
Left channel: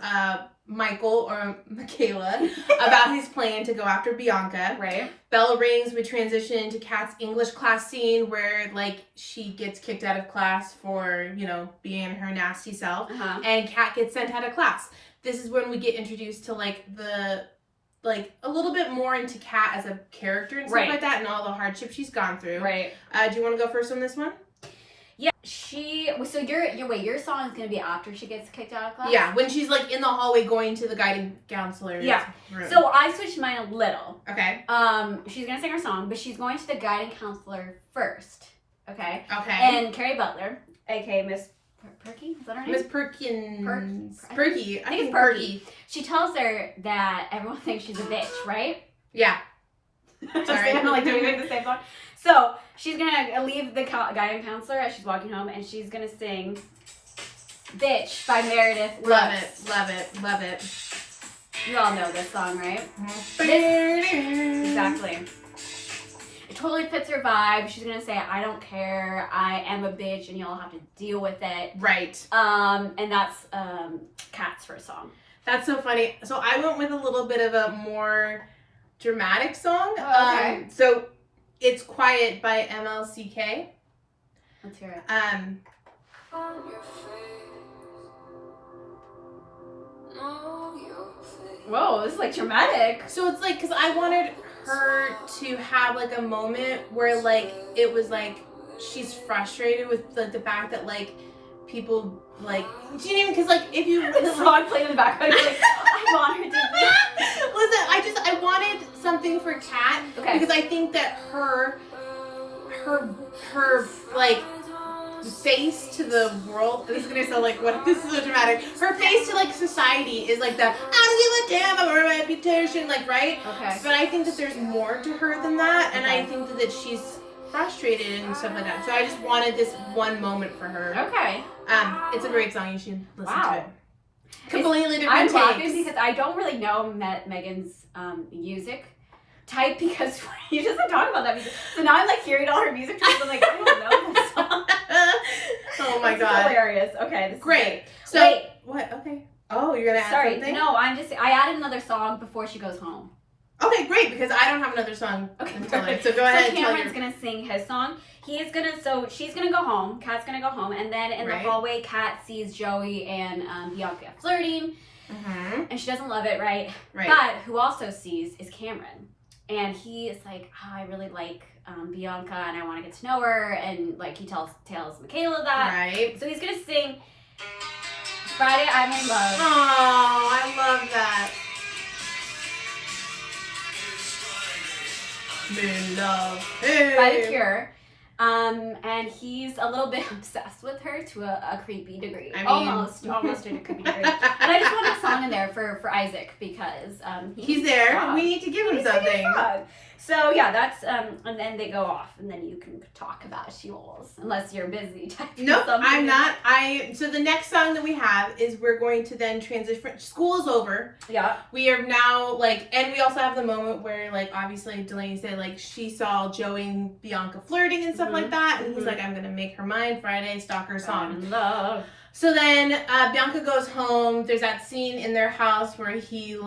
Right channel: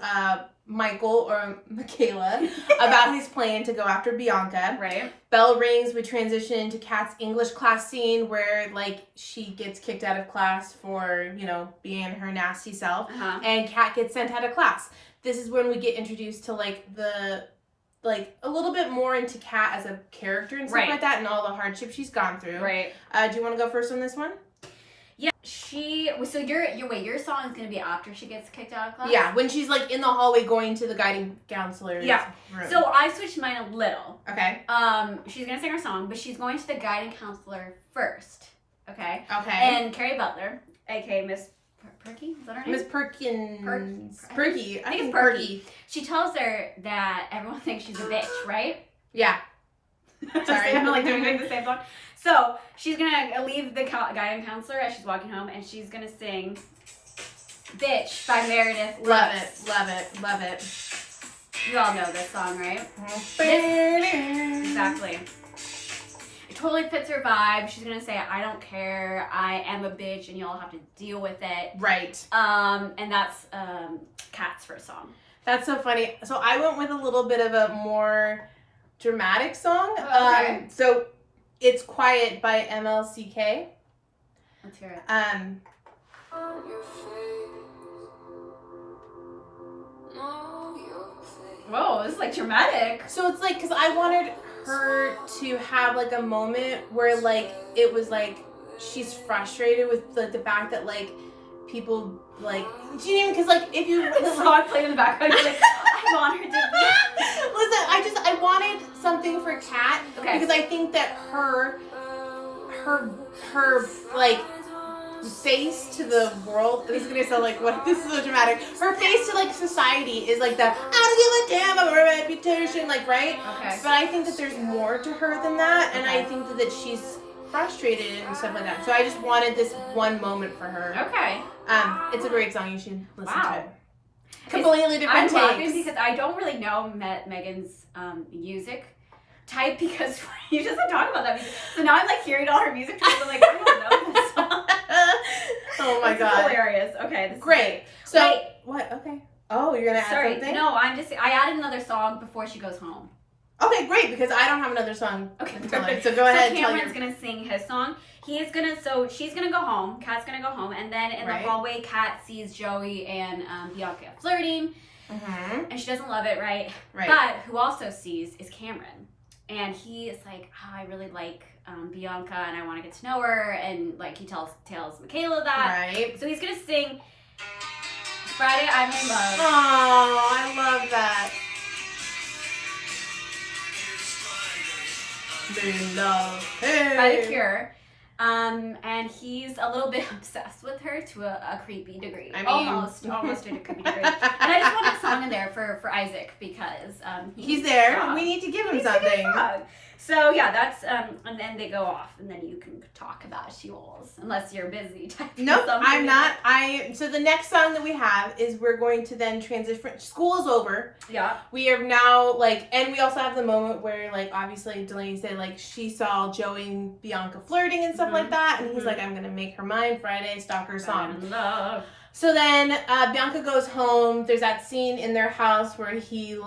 Michael or Michaela about his plan to go after Bianca. Right. Bell rings. We transition into Kat's English class scene where like she gets kicked out of class for being her nasty self, and Kat gets sent out of class. This is when we get introduced to a little bit more into Kat as a character and stuff like that, and all the hardships she's gone through. Right. Do you want to go first on this one? Yeah. So your song is gonna be after she gets kicked out of class? Yeah, when she's like in the hallway going to the guiding counselor's room. So I switched mine a little. Okay. She's gonna sing her song, but she's going to the guiding counselor first. Okay. Okay. And Carrie Butler, aka Miss Perky, is that her name? Miss Perkins. Perky. I think it's Perky. She tells her that everyone thinks she's a bitch, right? Yeah. Sorry, I'm like doing the same song. So she's gonna leave the guiding counselor as she's walking home, and she's gonna sing "Bitch" by Meredith Brooks. Love it. You all know this song, right? Exactly. It totally fits her vibe. She's gonna say, "I don't care. I am a bitch, and y'all have to deal with it." Right. And that's Kat's first song. That's so funny. So I went with a little bit of a more dramatic song. Oh, okay. So it's "Quiet" by MLCK. Let's hear it. Whoa, this is like dramatic. So it's like, because I wanted her to have like a moment where like it was like she's frustrated with like the fact that like people like, do you know, because like if you the song played in the background, like I want her to be. Listen, I wanted something for Kat, because I think that her like face to the world, this is gonna sound like, what, this is so dramatic, her face to like society is like the I don't give a damn about her reputation, like, right? Okay. But I think that there's more to her than that, and I think that she's frustrated and stuff like that. So I just wanted this one moment for her. Okay. It's a great song. You should listen to it. It's, Completely different I'm takes. laughing because I don't really know Megan's music type, because she doesn't talk about that music. So now I'm like hearing all her music trends. I'm like, I don't know this song. Oh my This god. is hilarious. Okay, this Great. is great. So Wait. what? Okay. Oh, you're gonna add something? No, I added another song before she goes home. Okay, great, because I don't have another song. Okay, to tell her. perfect. So go ahead. So Cameron's gonna sing his song. She's gonna go home. Kat's gonna go home, and then in the hallway, Kat sees Joey and Bianca flirting, and she doesn't love it, right? Right. But who also sees is Cameron, and he is like, I really like Bianca, and I want to get to know her, and like he tells Michaela that. Right. So he's gonna sing Friday I'm in Love. Oh, I love that. In love. Hey. By The Cure. And he's a little bit obsessed with her to a creepy degree. I mean... almost to a creepy degree. And I just wanted a song in there for Isaac because he's there. We need to give him something. So yeah, that's and then they go off, and then you can talk about Sheol's unless you're busy typing Nope, something. I'm not. So the next song that we have is we're going to then transition. School's over. Yeah. We are now and we also have the moment where obviously Delaney said she saw Joey and Bianca flirting and stuff like that, and he's like, I'm gonna make her mine Friday, stalker song. I'm in love. So then Bianca goes home. There's that scene in their house where he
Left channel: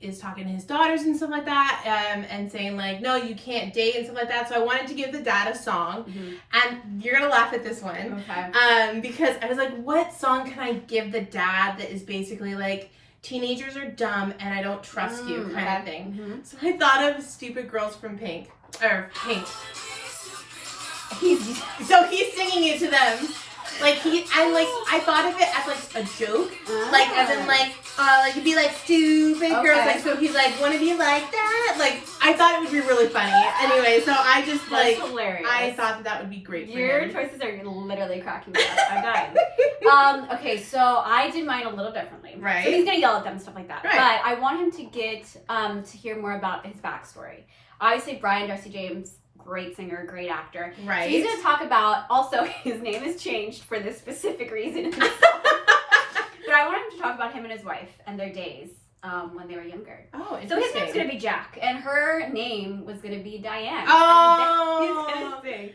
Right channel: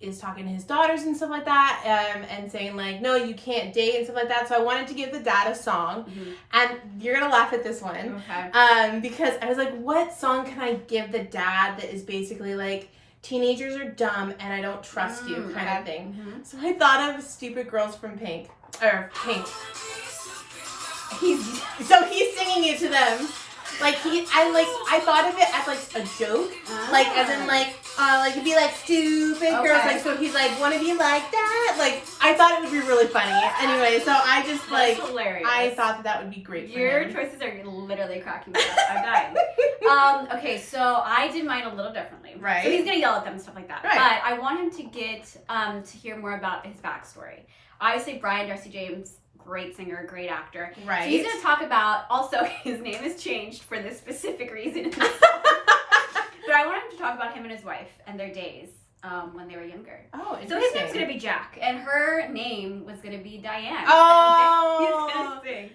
is talking to his daughters and stuff like that, and saying no, you can't date and stuff like that. So I wanted to give the dad a song, and you're gonna laugh at this one, okay? Because I was like, what song can I give the dad that is basically teenagers are dumb and I don't trust you kind of thing. So I thought of Stupid Girls from Pink. So he's singing it to them. I thought of it as a joke, as in it'd be stupid girls, so he's wanna be like that. I thought it would be really funny. Anyway, so I just That's hilarious. I thought that would be great. Your choices are literally cracking me up. I'm dying. Okay, so I did mine a little differently. Right. So he's gonna yell at them and stuff like that. Right. But I want him to get to hear more about his backstory. Obviously, Brian Darcy James, great singer, great actor. Right. So he's going to talk about, also, his name is changed for this specific reason. But I want him to talk about him and his wife and their days when they were younger. Oh, so his name's going to be Jack, and her name was going to be Diane. Oh. And he's going to sing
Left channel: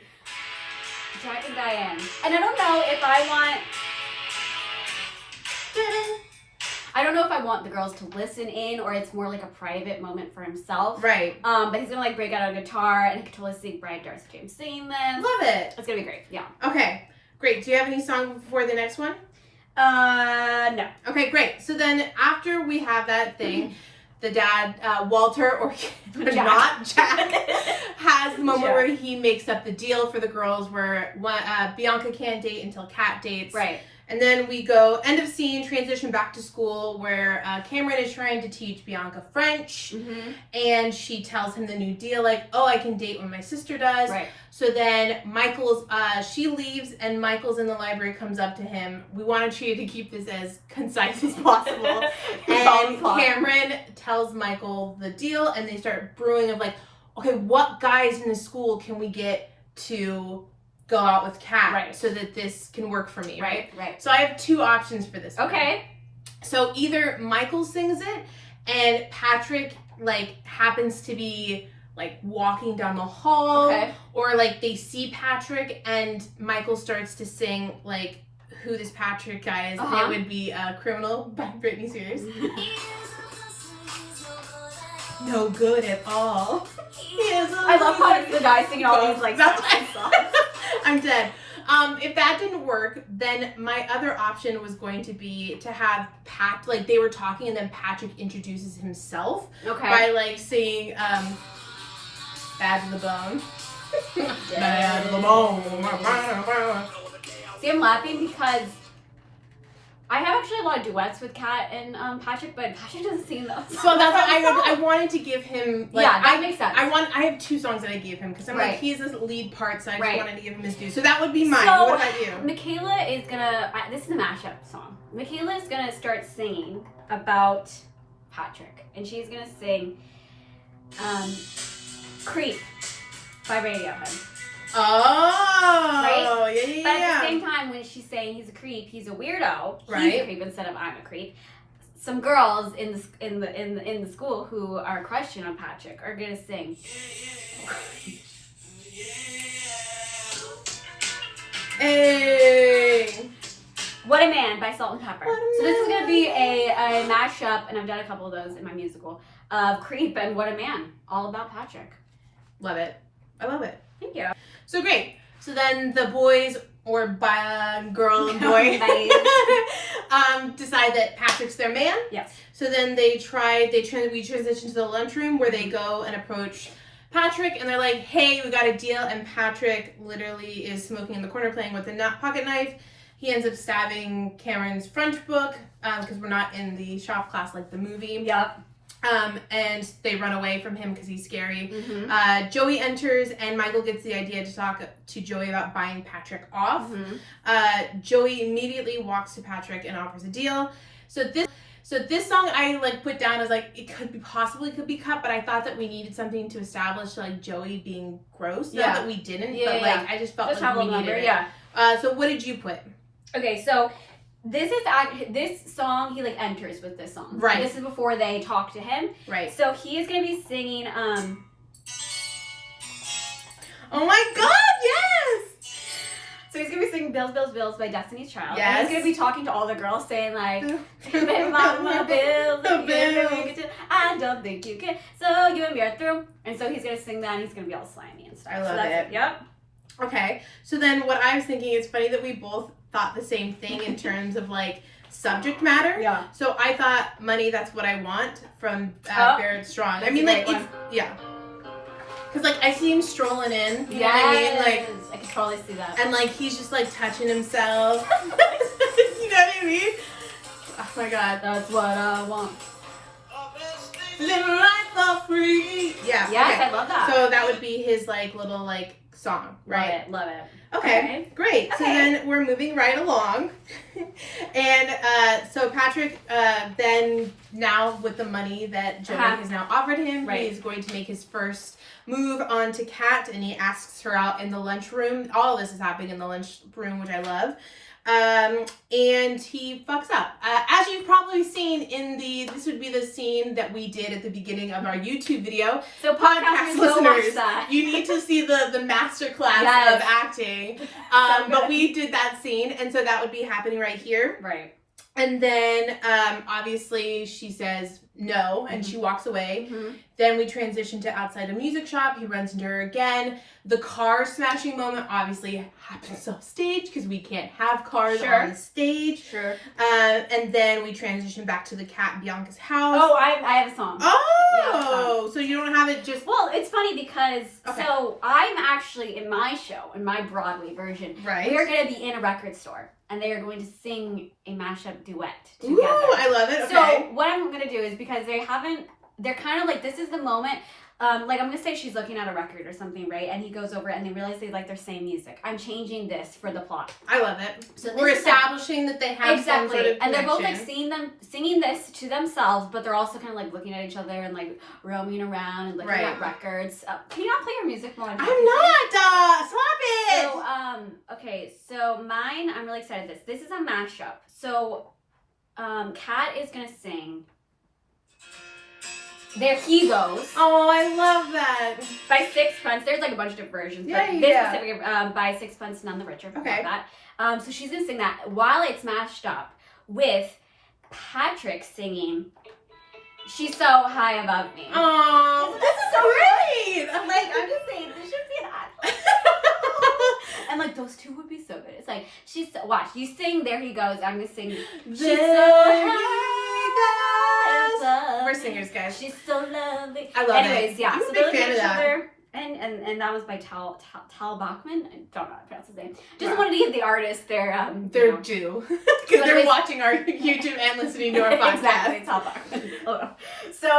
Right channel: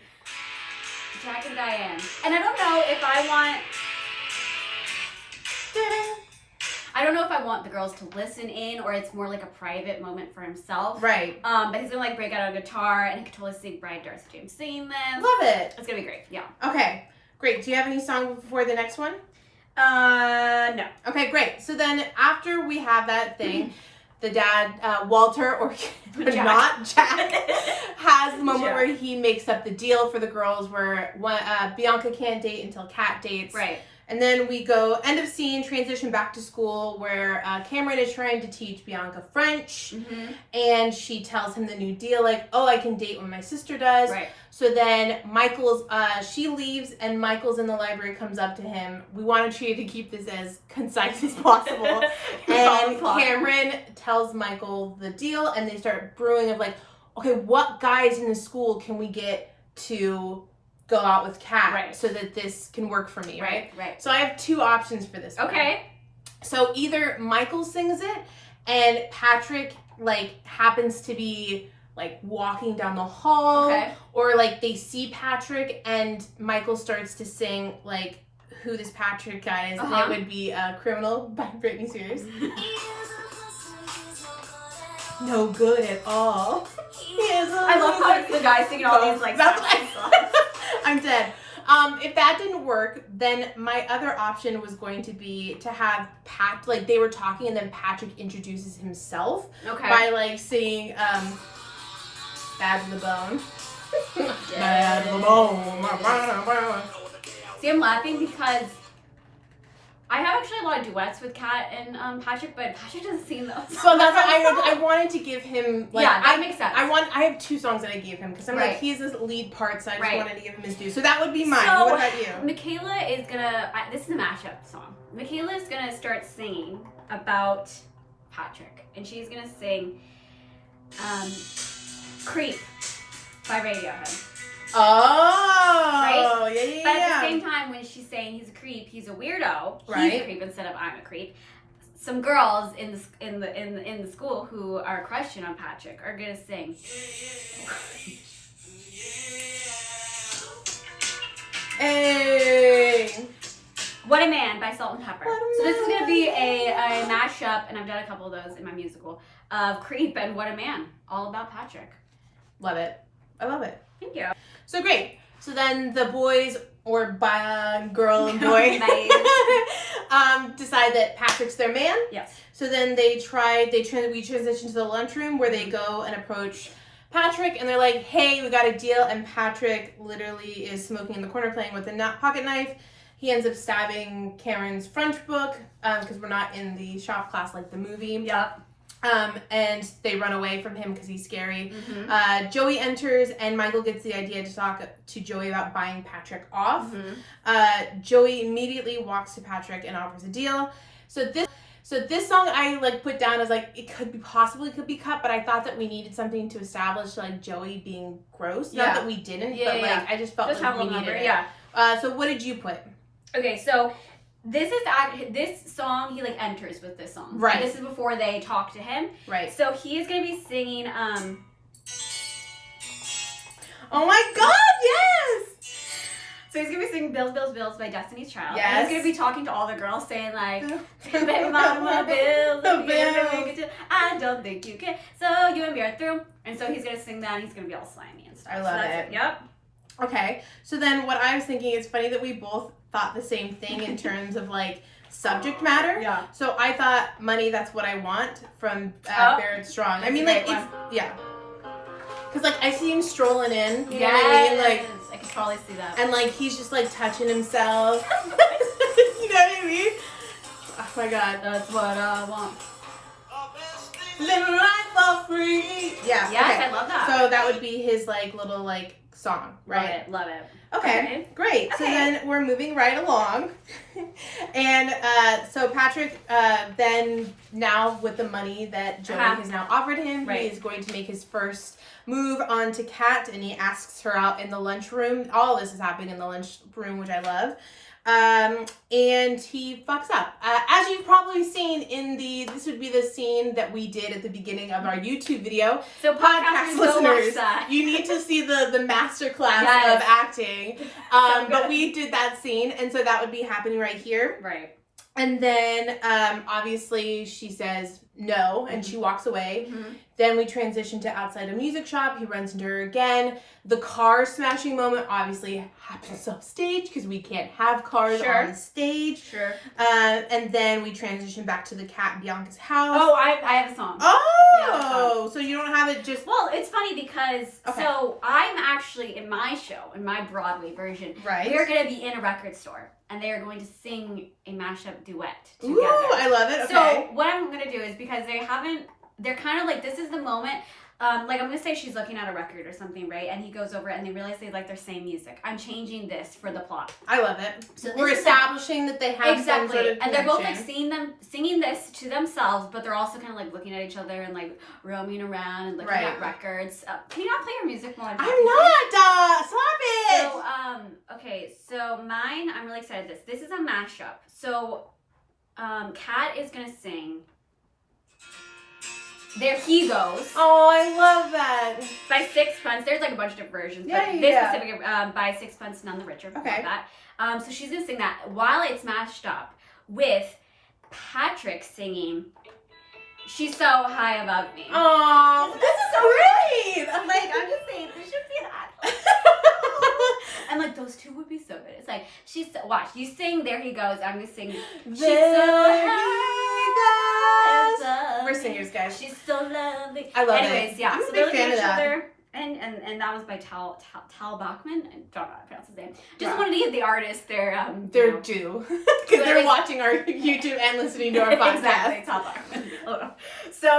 Jack and Diane. And I don't know if I want the girls to listen in, or it's more like a private moment for himself. Right. But he's gonna break out on a guitar, and he can totally see Brian Darcy James singing this. Love it. It's gonna be great. Yeah. Okay. Great. Do you have any song before the next one? No. Okay, great. So then after we have that thing, the dad, Walter, or Jack. not Jack, has the moment where he makes up the deal for the girls where Bianca can't date until Kat dates. Right. And then we go, end of scene, transition back to school where Cameron is trying to teach Bianca French. And she tells him the new deal, I can date when my sister does. Right. So then she leaves and Michael's in the library, comes up to him. We wanted you to keep this as concise as possible. And Cameron tells Michael the deal, and they start brewing of okay, what guys in the school can we get to go out with Kat so that this can work for me, right? So I have two options for this. Okay. One. So either Michael sings it and Patrick happens to be walking down the hall, or they see Patrick and Michael starts to sing who this Patrick guy is, and it would be Criminal by Britney Spears. No good at all. I love how it's the guy singing all these songs. I'm dead. If that didn't work, then my other option was going to be to have they were talking and then Patrick introduces himself by singing Bad to the Bone. Bad to the Bone. See, I'm laughing because I have actually a lot of duets with Kat and Patrick, but Patrick doesn't sing those. So that's why I wanted to give him. That makes sense. I have two songs that I gave him because I'm he's his lead part, so I just wanted to give him his due. So that would be mine. So, what about you? Michaela is gonna. This is a mashup song. Michaela is gonna start singing about Patrick, and she's gonna sing "Creep" by Radiohead. Oh, yeah. But at the same time, when she's saying he's a creep, he's a weirdo. He's a creep instead of I'm a creep. Some girls in the school who are crushing on Patrick are gonna sing. Hey. What a Man by Salt and Pepper. So this is going to be a mashup, and I've done a couple of those in my musical, of Creep and What a Man, all about Patrick. Love it. I love it. Thank you. So great. So then the boys, or girl and boy, decide that Patrick's their man. Yes. So then we transition to the lunchroom where they go and approach Patrick, and they're like, hey, we got a deal. And Patrick literally is smoking in the corner playing with a pocket knife. He ends up stabbing Cameron's French book because we're not in the shop class like the movie. Yep. And they run away from him because he's scary. Mm-hmm. Joey enters, and Michael gets the idea to talk to Joey about buying Patrick off. Mm-hmm. Joey immediately walks to Patrick and offers a deal. So this song I put down as it could be cut, but I thought that we needed something to establish Joey being gross. Not that we didn't, but I just felt have a we little needed number, it. yeah. So what did you put? Okay, so this song, he enters with this song. Right. This is before they talk to him. Right. So he is gonna be singing Oh my God, yes! So he's gonna be singing Bills, Bills, Bills by Destiny's Child. Yes. And he's gonna be talking to all the girls saying Baby mama, bills, I don't think you can. So you and me are through. And so he's gonna sing that, and he's gonna be all slimy and stuff. I love so that's it. Yep. Okay, so then what I was thinking, it's funny that we both thought the same thing in terms of subject matter. Yeah. So I thought Money, That's What I Want from Barrett Strong. That's a great one. Yeah. Because I see him strolling in, you know what I mean? I could totally see that. And he's just touching himself. You know what I mean? Oh my God. That's what I want. Living life for free. Yeah. Yes, okay. I love that. So that would be his little song, right? Love it. Okay, great. So then we're moving right along. And so Patrick, then now with the money that Joey has now offered him, he is going to make his first move on to Kat, and he asks her out in the lunchroom. All of this is happening in the lunchroom, which I love. And he fucks up. As you've probably seen this would be the scene that we did at the beginning of our YouTube video. So podcast listeners, you need to see the master class of acting. But we did that scene, and so that would be happening right here. Right. And then, obviously, she says no, and she walks away. Mm-hmm. Then we transition to outside a music shop. He runs into her again. The car smashing moment obviously happens off stage because we can't have cars on stage. Sure. And then we transition back to the Kat and Bianca's house. Oh, I have a song. Oh, so you don't have it just... Well, it's funny because, so I'm actually, in my show, in my Broadway version, we're going to be in a record store, and they are going to sing a mashup duet together. Ooh, I love it. Okay. So what I'm going to do is, because they're kind of this is the moment, I'm going to say she's looking at a record or something, right? And he goes over it, and they realize they like their same music. I'm changing this for the plot. I love it. So we're establishing that they have some sort of and they're both connection. singing this to themselves, but they're also kind of looking at each other and roaming around and looking at records. Can you not play your music more? I'm not. Stop it. So so mine, I'm really excited. This is a mashup. So Kat is gonna sing There He Goes. Oh, I love that. By Sixpence. There's a bunch of different versions, but this specific by Sixpence None the Richer. Okay. Love that. So she's gonna sing that while it's mashed up with Patrick singing She's So High Above Me. Oh, this is so great. I'm just saying, this should be an ad. And those two would be so good. It's watch, you sing There He Goes, I'm gonna sing She's So High Above Me. We're singers, guys. She's so lovely. I love it. Anyways, yeah. I'm a So big they're looking fan at each of that. other. And that was by Tal Bachman. I don't know how to pronounce his name. Just wanted to give the artist their due. Because they're watching our YouTube and listening to our podcast. Exactly, Tal Bachman. So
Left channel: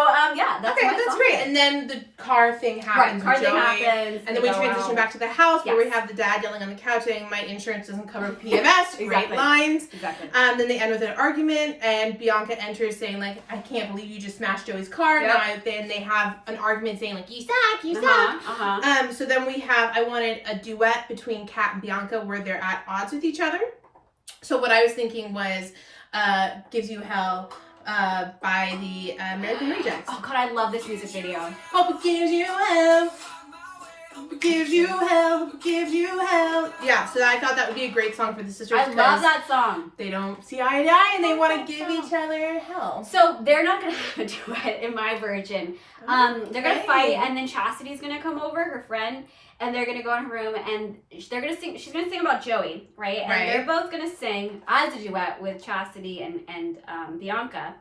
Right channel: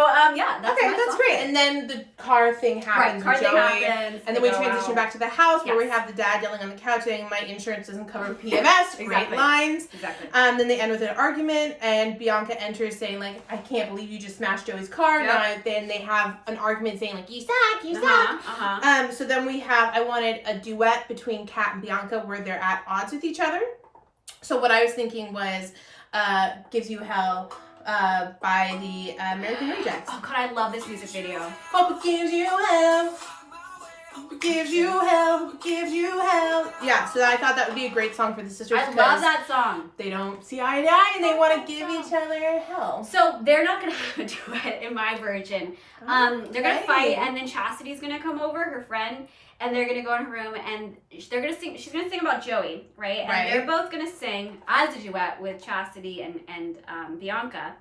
that's that's great. And then the car thing happens. Car thing happens. And then we transition back to the house where we have the dad yelling on the couch saying, "My insurance doesn't cover PMS." Great lines. Exactly. Then they end with an argument, and Bianca enters saying, "I can't believe you just smashed Joey's car." Yep. Then they have an argument saying, "You suck, you suck." So then I wanted a duet between Kat and Bianca where they're at odds with each other. So what I was thinking was Gives You Hell by the American Rejects. Oh God, I love this music video. Hope it gives you hell. Who gives you hell? Who gives you hell? Yeah, so I thought that would be a great song for the sisters. I love that song. They don't see eye to eye and they want to give each other hell. So they're not gonna have a duet in my version. They're gonna fight, and then Chastity's gonna come over, her friend, and they're gonna go in her room, and they're gonna sing. She's gonna sing about Joey, right? And they're both gonna sing as a duet with Chastity and Bianca.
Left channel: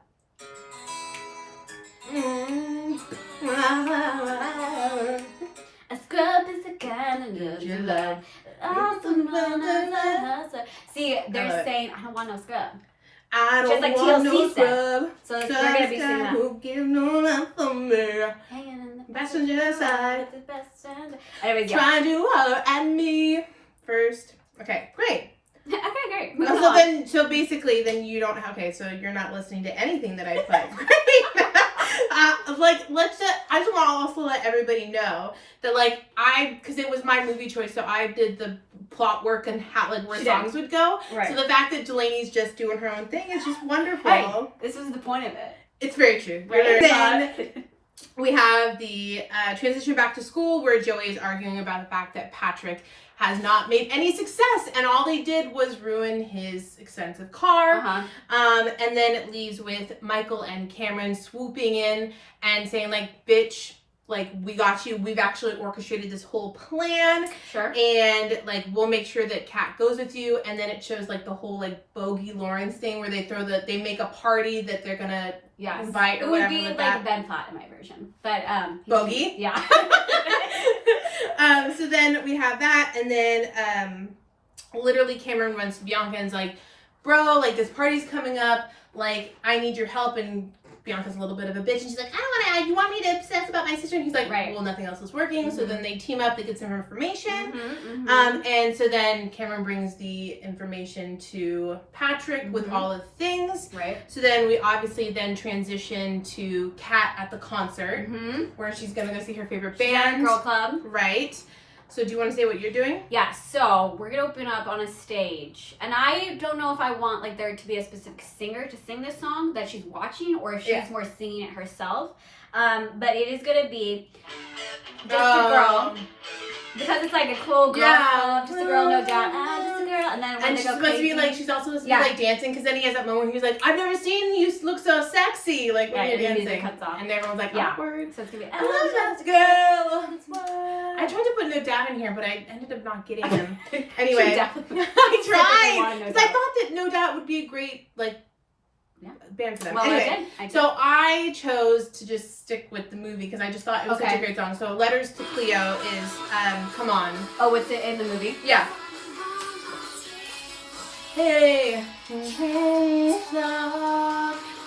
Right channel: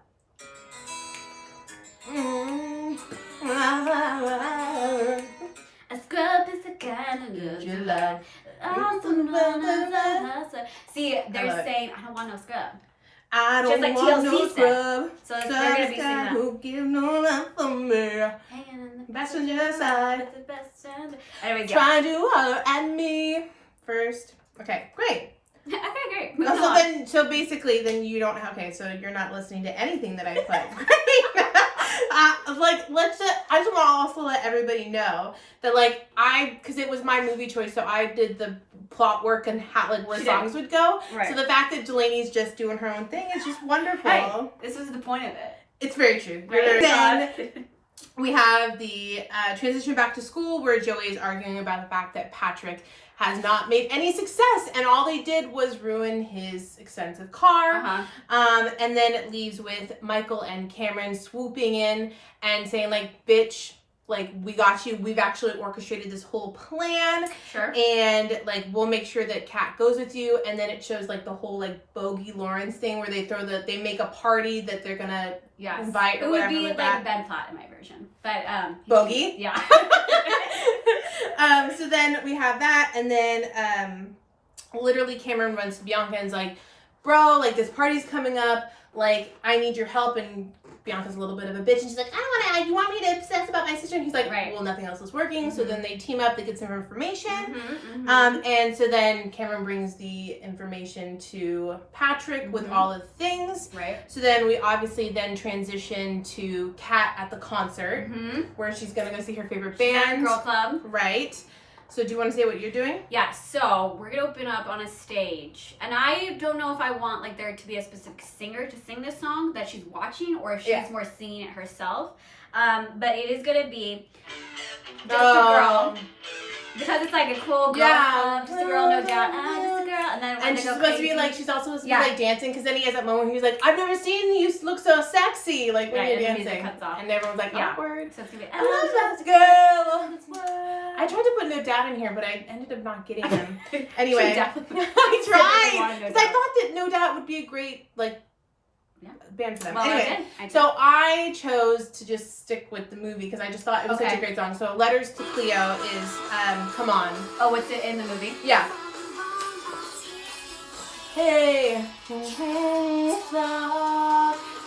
A scrub is the kind of love you love. See, they're saying, I don't want no scrub. I don't just like want TLC no said. scrub. So they're gonna be singing that. Who give no love for me. Hanging in the Passenger side. the best friend. Anyways, yeah. Trying to holler at me first. Okay, great. Okay, great. So basically, then you don't have. Okay, so you're not listening to anything that I play. I just want to also let everybody know that because it was my movie choice, so I did the plot work and how where songs would go. Right. So the fact that Delaney's just doing her own thing is just wonderful. Hey, this was the point of it. It's very true. Right? Then we have the transition back to school where Joey is arguing about the fact that Patrick has not made any success, and all they did was ruin his expensive car. And then it leaves with Michael and Cameron swooping in and saying, bitch, we got you. We've actually orchestrated this whole plan. Sure. And, we'll make sure that Kat goes with you. And then it shows, the whole, Bogey Lawrence thing where they they make a party that they're gonna invite or whatever. It would be that. Ben Platt in my version. But, Bogey? Yeah. So then we have that, and then literally Cameron runs to Bianca and is like, bro, this party's coming up, I need your help, and Bianca's a little bit of a bitch, and she's like, I don't want to, you want me to obsess about my sister? And he's like, well, nothing else is working, so then they team up to get some information, and so then Cameron brings the information to Patrick with all of the things, so then we obviously then transition to Kat at the concert, where she's gonna go see her favorite band. She's at a girl club. Right. So do you want to say what you're doing? Yeah, so we're going to open up on a stage. And I don't know if I want there to be a specific singer to sing this song that she's watching or if she's more singing it herself. But it is going to be just a girl. Because it's a cool girl club, just a girl, no doubt. Just a girl. And then when they go crazy. She's also supposed to be dancing, because then he has that moment where he's like, I've never seen you look so sexy, when you're dancing. And the music cuts off. And everyone's like, awkward. So it's going to be, I love that girl. I tried to put No Doubt in here, but I ended up not getting him. Anyway, I tried. Because I thought that No Doubt would be a great, band for them. Well, anyway, I did. So I chose to just stick with the movie because I just thought it was such a great song. So Letters to Cleo is Come On. Oh, what's it in the movie? Yeah. Hey.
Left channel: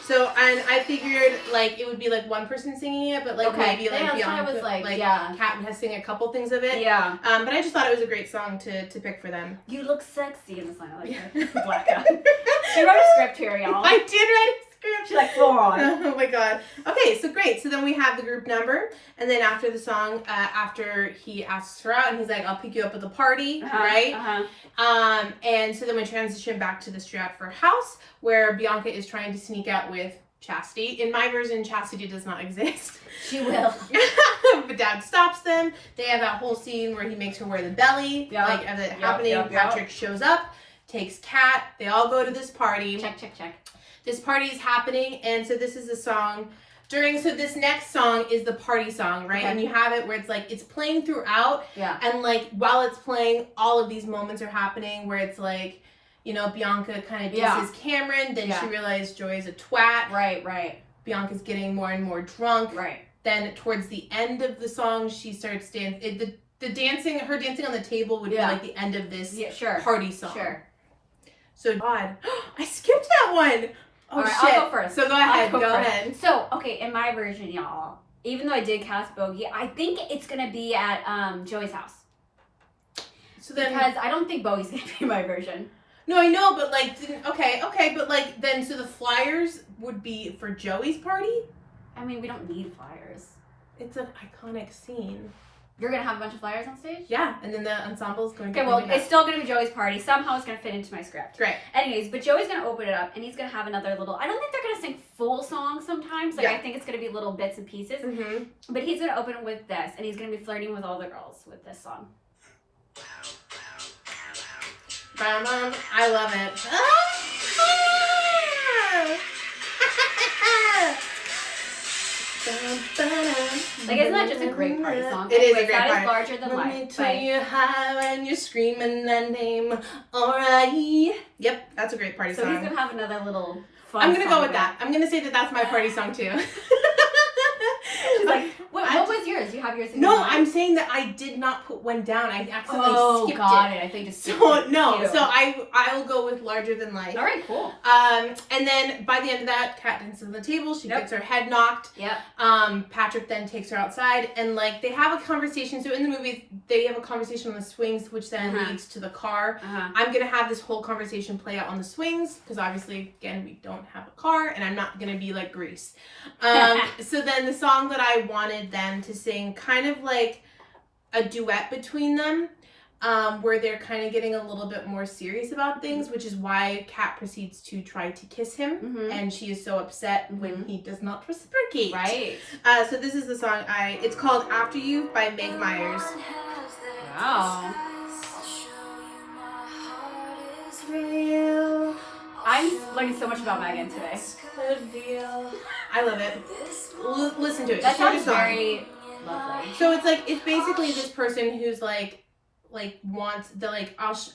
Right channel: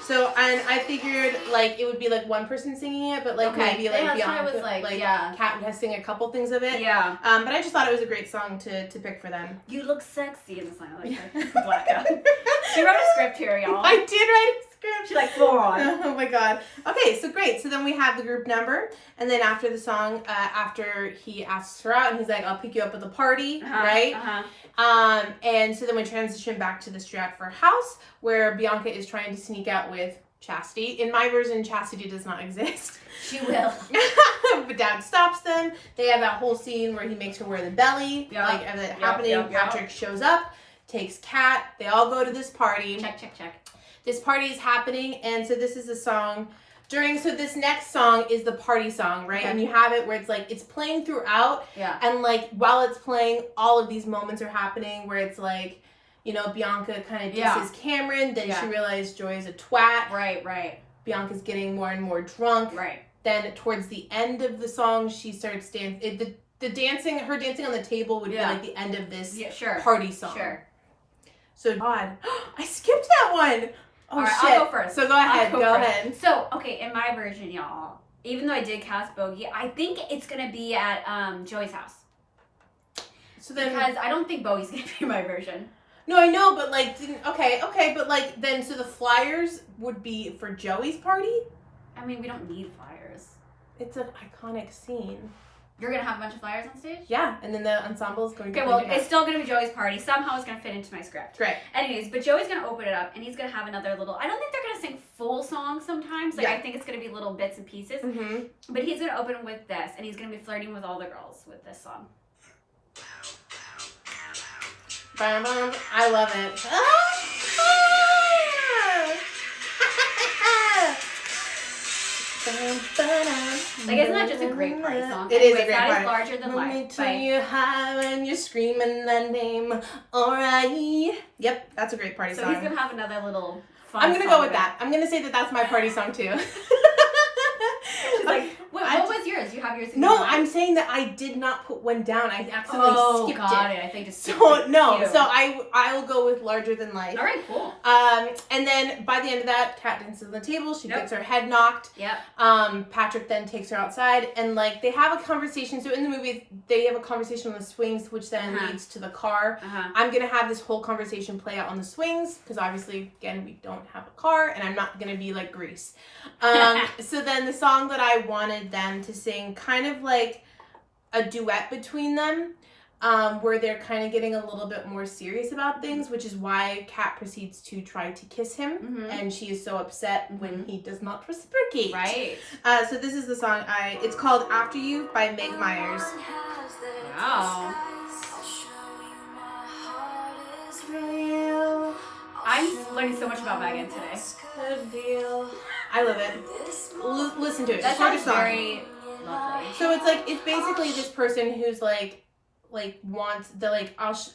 So, and I figured, it would be, one person singing it, but, maybe, Bianca, Kat has sing a couple things of it. Yeah. But I just thought it was a great song to pick for them. You look sexy in the song. I like her. Blackout. She wrote a script here, y'all. I did write a script. She's full on. Oh, my God. Okay, so great. So then we have the group number, and then after the song, after he asks her out, and he's like, I'll pick you up at the party, right? And so then we transition back to the Stratford house where Bianca is trying to sneak out with Chastity. In my version, Chastity does not exist. She will. But Dad stops them. They have that whole scene where he makes her wear the belly. As it's happening, Patrick shows up, takes Kat. They all go to this party. Check. This party is happening, and so this is a song so this next song is the party song, right? Okay. And you have it where it's it's playing throughout. Yeah. And while it's playing, all of these moments are happening where it's Bianca kind of disses Cameron. Then she realized Joy's a twat. Right. Bianca's getting more and more drunk. Right. Then towards the end of the song, she starts dancing. The dancing, her dancing on the table would be the end of this party song. Sure. So, God, I skipped that one. Oh, right, shit. I'll go first. So go ahead. So, okay, in my version, y'all, even though I did cast Bogey, I think it's going to be at Joey's house. So then, because I don't think Bogey's going to be my version. No, I know, but okay, but then so the flyers would be for Joey's party? I mean, we don't need flyers. It's an iconic scene. You're gonna have a bunch of flyers on stage? Yeah, and then the ensemble is going to Okay, well, it's still gonna be Joey's party. Somehow it's gonna fit into my script. Great. Anyways, but Joey's gonna open it up, and he's gonna have another little. I don't think they're gonna sing full songs sometimes. Like I think it's gonna be little bits and pieces. Mm-hmm. But he's gonna open with this, and he's gonna be flirting with all the girls with this song. I love it. Like, isn't that just a great party song? It is a Anyways, great that party. is Larger Than Life. Let me tell you how when you're screaming that name. Alright. Yep, that's a great party So song. he's gonna have another little fun I'm gonna song go with bit. that. I'm gonna say that that's my party song too. She's like, what was yours? You have yours in No, your mind? I'm saying that I did not put one down. I accidentally skipped got it. it. I think just So no, cute. so I'll go with Larger Than Life. All right, cool. And then by the end of that, Kat dances on the table. She Yep. gets her head knocked. Yep. Patrick then takes her outside, and like they have a conversation. So in the movie, they have a conversation on the swings, which then leads to the car. I'm gonna have this whole conversation play out on the swings because obviously, again, we don't have a car, and I'm not gonna be like Grease. So then the song that I wanted them to sing, kind of like a duet between them. Where they're kind of getting a little bit more serious about things, which is why Kat proceeds to try to kiss him, and she is so upset when he does not reciprocate. Right. So this is the song it's called After You by Meg Myers. Wow. I'm learning so much about Megan today. I love it. Listen to it. That It's a sounds song. very lovely. So it's basically this person who's like wants the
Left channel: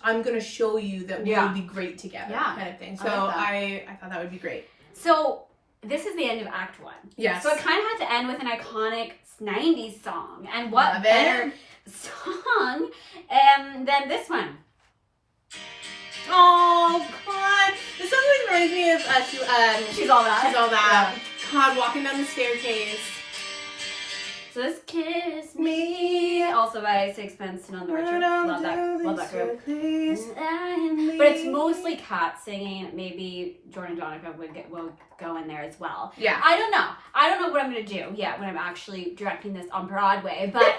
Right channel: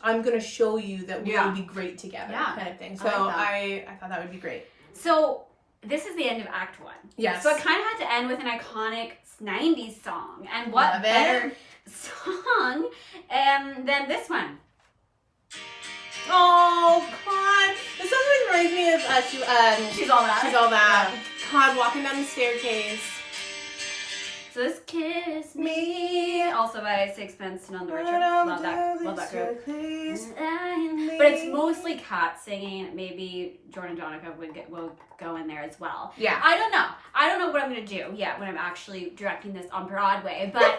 I'm gonna show you that we will be great together kind of thing. So I thought that would be great. So this is the end of Act 1. Yes. So it kind of had to end with an iconic 90s song. And what Love better it. song than this one? Oh God! This song reminds me of She's All That. She's All That. Yeah. God, walking down the staircase. So this Kiss Me, also by Sixpence None the Richer. Love that group. But it's mostly Kat singing. Maybe Jordan Donica will go in there as well. Yeah. I don't know what I'm gonna do yet when I'm actually directing this on Broadway. But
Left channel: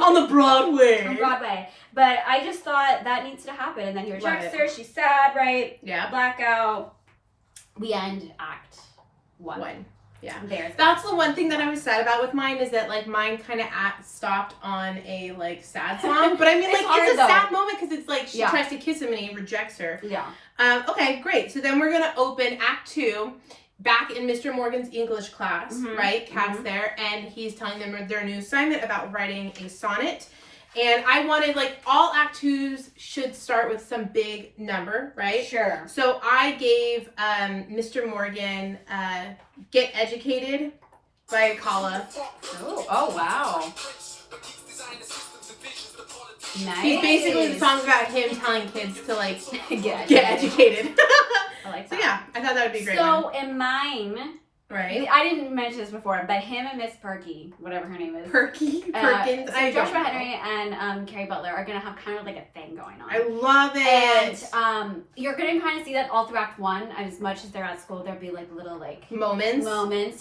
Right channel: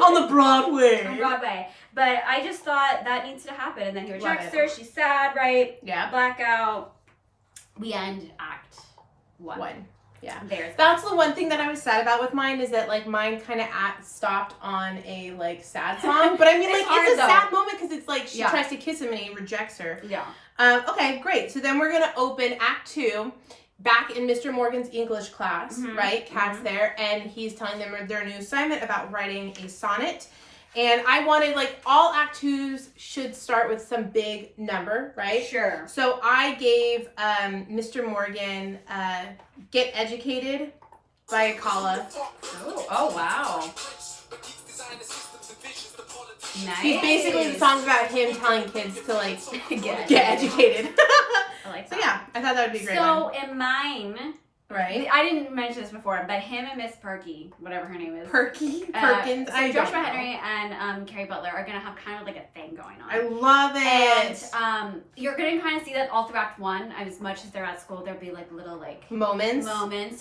on the Broadway. on Broadway. But I just thought that needs to happen. And then he rejects Love her. She's sad, right? Yeah. Blackout. We end Act 1. Yeah. There's That's the one thing that I was sad about with mine is that like mine kind of stopped on a like sad song, but I mean like hard, it's a though. sad moment because it's like she Yeah. tries to kiss him and he rejects her. Yeah. Okay, great. So then we're gonna open Act 2, back in Mr. Morgan's English class, right? Kat's there, and he's telling them their new assignment about writing a sonnet. And I wanted like all Act 2s should start with some big number, right? Sure. So I gave Mr. Morgan Get Educated by Akala. Oh wow. Nice. Basically, the song's about him telling kids to like get educated. I like So that. yeah, I thought that would be a great. So one. in mine, Right? I didn't mention this before, but him and Miss Perky, whatever her name is, Perkins. so Joshua Henry and Carrie Butler are gonna have kind of like a thing going on. I love it. And you're gonna kind of see that all through Act 1. As much as they're at school, there'll be like little like moments,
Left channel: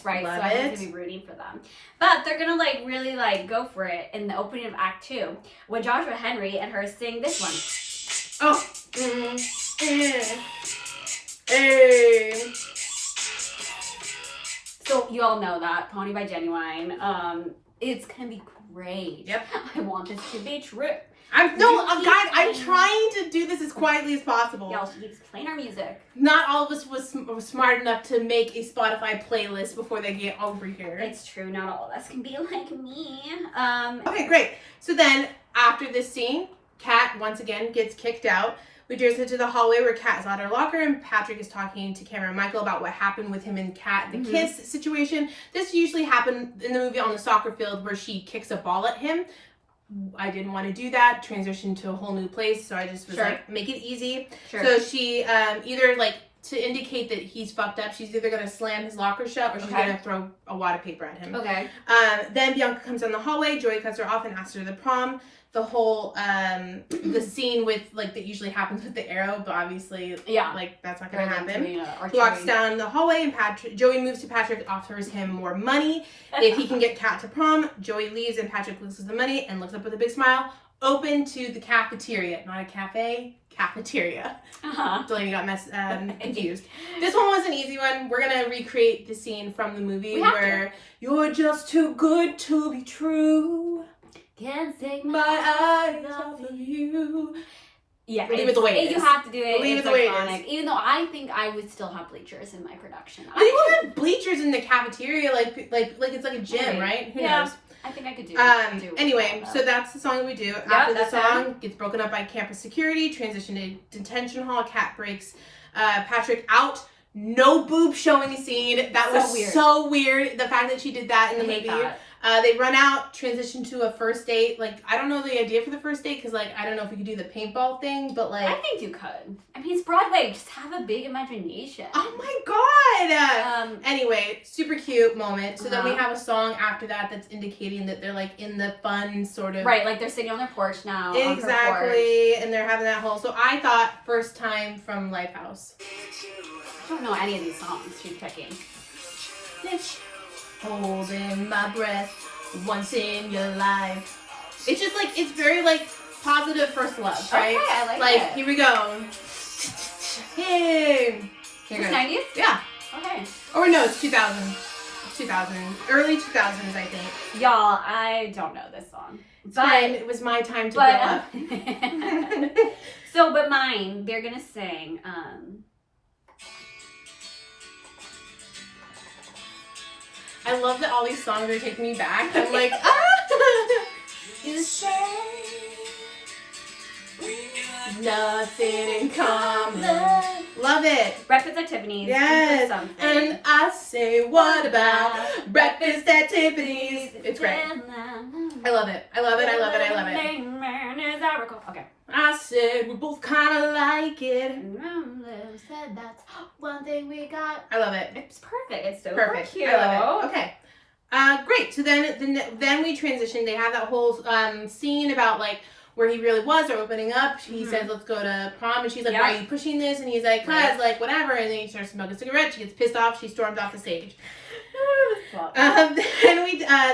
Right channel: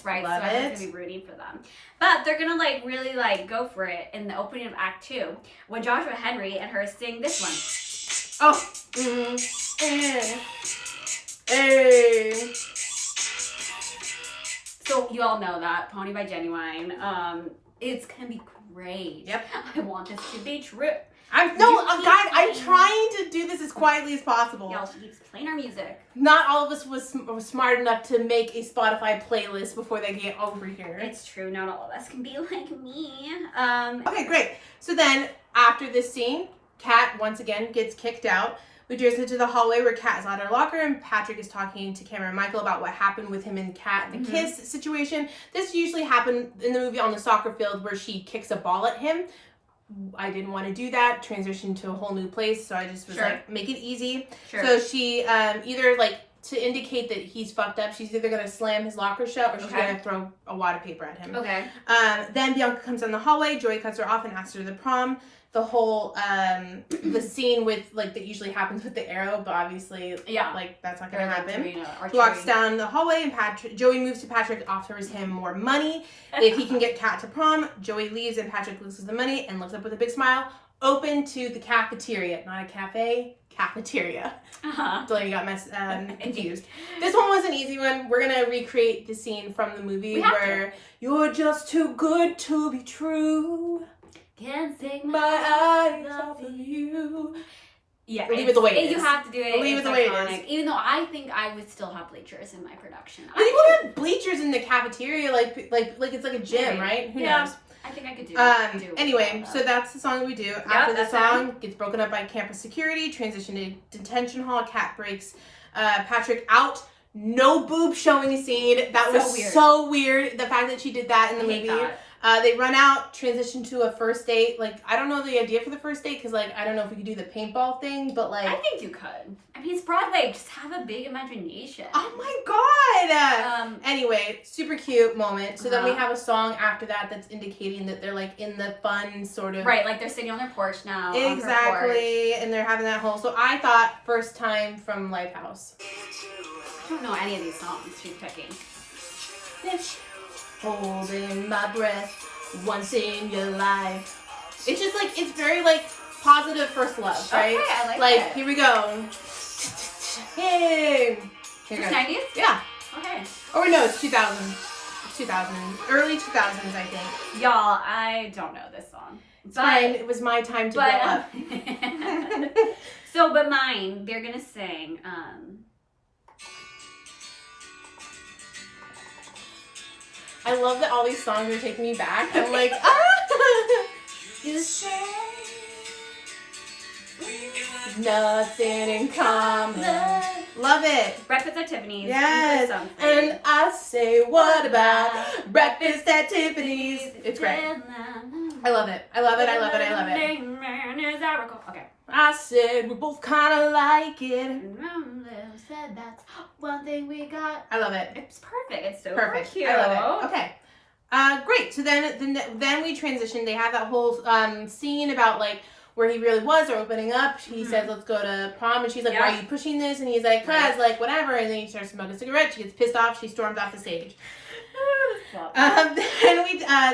right? Love so I'm it. gonna be rooting for them. But they're gonna like really like go for it in the opening of Act 2 when Joshua Henry and her sing this one. Oh. Hey. So you all know that Pony by Genuine. It's gonna be great. Yep. I want this to be true. I'm trying to do this as quietly as possible. Y'all, she keeps playing our music. Not all of us was smart enough to make a Spotify playlist before they get over here. It's true. Not all of us can be like me. Okay, great. So then, after this scene, Kat once again gets kicked out. We dress into the hallway where Kat is at her locker and Patrick is talking to Cameron and Michael about what happened with him and Kat in the kiss situation. This usually happened in the movie on the soccer field where she kicks a ball at him. I didn't want to do that, transition to a whole new place, so I just was like, make it easy. Sure. So she either like to indicate that he's fucked up, she's either gonna slam his locker shut or she's gonna throw a wad of paper at him. Okay. Then Bianca comes down the hallway. Joey cuts her off and asks her to the prom. The whole the scene with like that usually happens with the arrow, but obviously like that's not gonna happen. He walks down the hallway and Joey moves to Patrick, offers him more money if he can get Kat to prom. Joey leaves and Patrick loses the money and looks up with a big smile. Open to the cafeteria, not a cafe. Cafeteria. So you got confused. This one was an easy one. We're gonna recreate the scene from the movie where you're just too good to be true. Can't take my eyes off of you. Yeah, leave it the way it is. You have to do it. Leave it's it the way iconic. it is. Even though I think I would still have bleachers in my production. You won't have bleachers in the cafeteria, like it's like a gym, right? Who knows? I think I could do. Anyway, so that's the song that we do. After the song gets broken up by campus security, transition to detention hall. Kat breaks Patrick out. No boob showing scene. That was so weird. The fact that she did that in the movie. They run out, transition to a first date. Like, I don't know the idea for the first date because, like, I don't know if we could do the paintball thing, but, like... I think you could. I mean, it's Broadway. Just have a big imagination. Oh, my God! Anyway, super cute moment. So then we have a song after that that's indicating that they're, like, in the fun sort of... Right, like, they're sitting on their porch now. Exactly, and they're having that whole... So I thought first time from Lifehouse. I don't know any of these songs she's picking. Holding my breath once in your life. It's just like, it's very like positive first love, right? Okay, I like it. Here we go. Hey. It's 90s? Yeah. Okay. Or no, it's 2000. 2000. Early 2000s, I think. Y'all, I don't know this song. But it was my time to grow up. But mine, they're gonna sing, I love that all these songs are taking me back. I'm like, ah! You say nothing in common. Love it. Breakfast at Tiffany's. Yes. And I say, what about breakfast at Tiffany's? It's great. I love it. I love it. I love it. I love it. Okay. I said we both kind of like it. Said that's one thing we got. I love it. It's perfect. It's so perfect. cute. I love it. Okay. Great. So then we transition. They have that whole scene about like where he really was. They're opening up. He says, "Let's go to prom," and she's like, "Why are you pushing this?" And he's like, "Cause like whatever." And then he starts smoking a cigarette. She gets pissed off. She storms off the stage.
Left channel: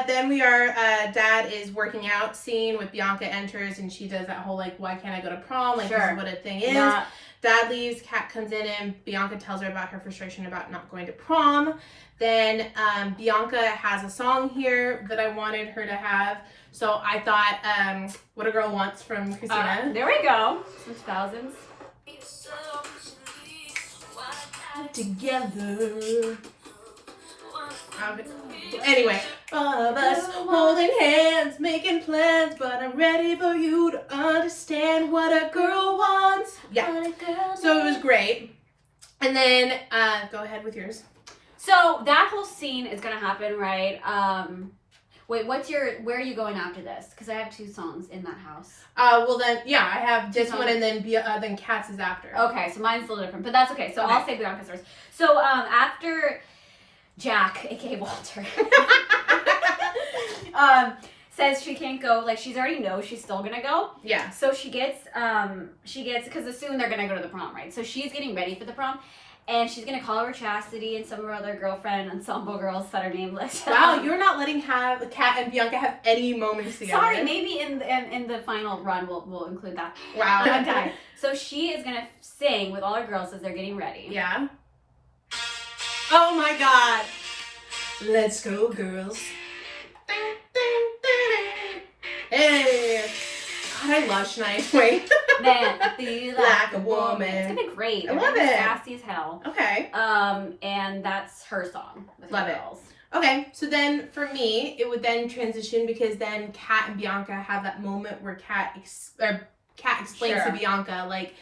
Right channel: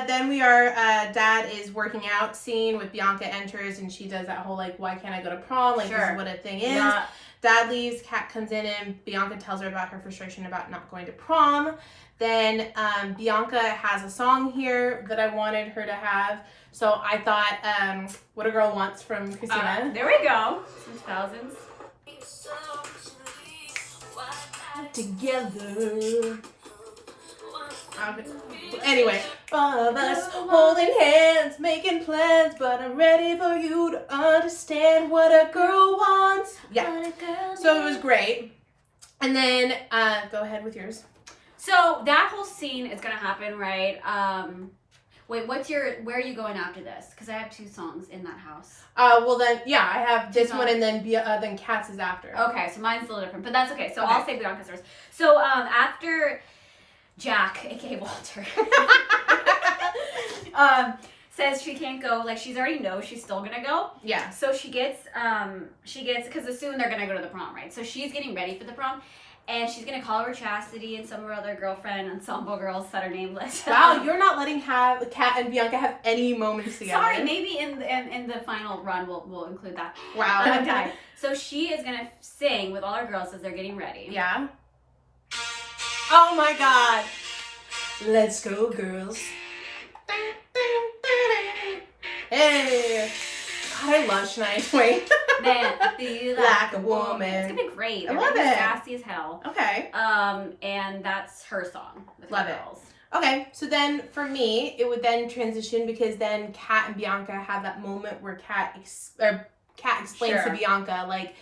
Then we are Dad is working out scene with Bianca enters and she does that whole like, why can't I go to prom? Like this is what a thing is. Yeah. Dad leaves, Kat comes in and Bianca tells her about her frustration about not going to prom. Then Bianca has a song here that I wanted her to have. So I thought What a Girl Wants from Christina. There we go. Some thousands. Together. Anyway, all of us holding hands, making plans, but I'm ready for you to understand what a girl wants. Yeah. So it was great. And then go ahead with yours. So that whole scene is gonna happen, right? Wait, where are you going after this? Because I have two songs in that house. Well then, yeah, I have this one and then Kat's is after. Okay, so mine's a little different, but that's okay. So I'll say Bianca's first. So after Jack, aka Walter, says she can't go, like she's already knows she's still gonna go. Yeah. So she gets because soon they're gonna go to the prom, right? So she's getting ready for the prom. And she's gonna call her Chastity and some of her other girlfriend ensemble girls that are nameless. Wow, you're not letting Kat and Bianca have any moments together. Sorry, maybe in the final run we'll include that. Wow. Okay. So she is gonna sing with all her girls as they're getting ready. Yeah. Oh my God. Let's go, girls. Hey. God, I love Shania Twain. Man, I feel like a woman. It's gonna be great. I love it. Sassy as hell. Okay. And that's her song with love her girls. Okay, so then for me, it would then transition because then Kat and Bianca have that moment where Kat explains to Bianca, like,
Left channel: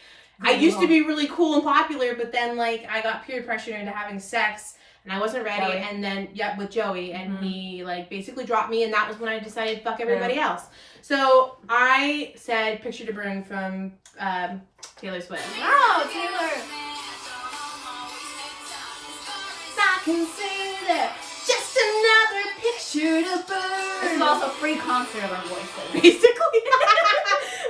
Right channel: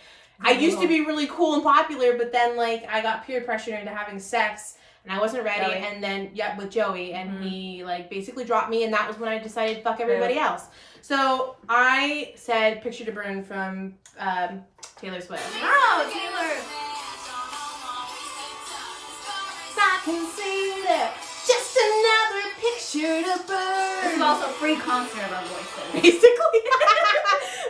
I used to be really cool and popular, but then, like, I got peer pressure into having sex, and I wasn't ready, Joey. And then, with Joey, and he, like, basically dropped me, and that was when I decided to fuck everybody else. So I said Picture to Burn from Taylor Swift. Oh, Taylor. can see that. Just another picture to burn. This is also a free concert of our voices. Basically.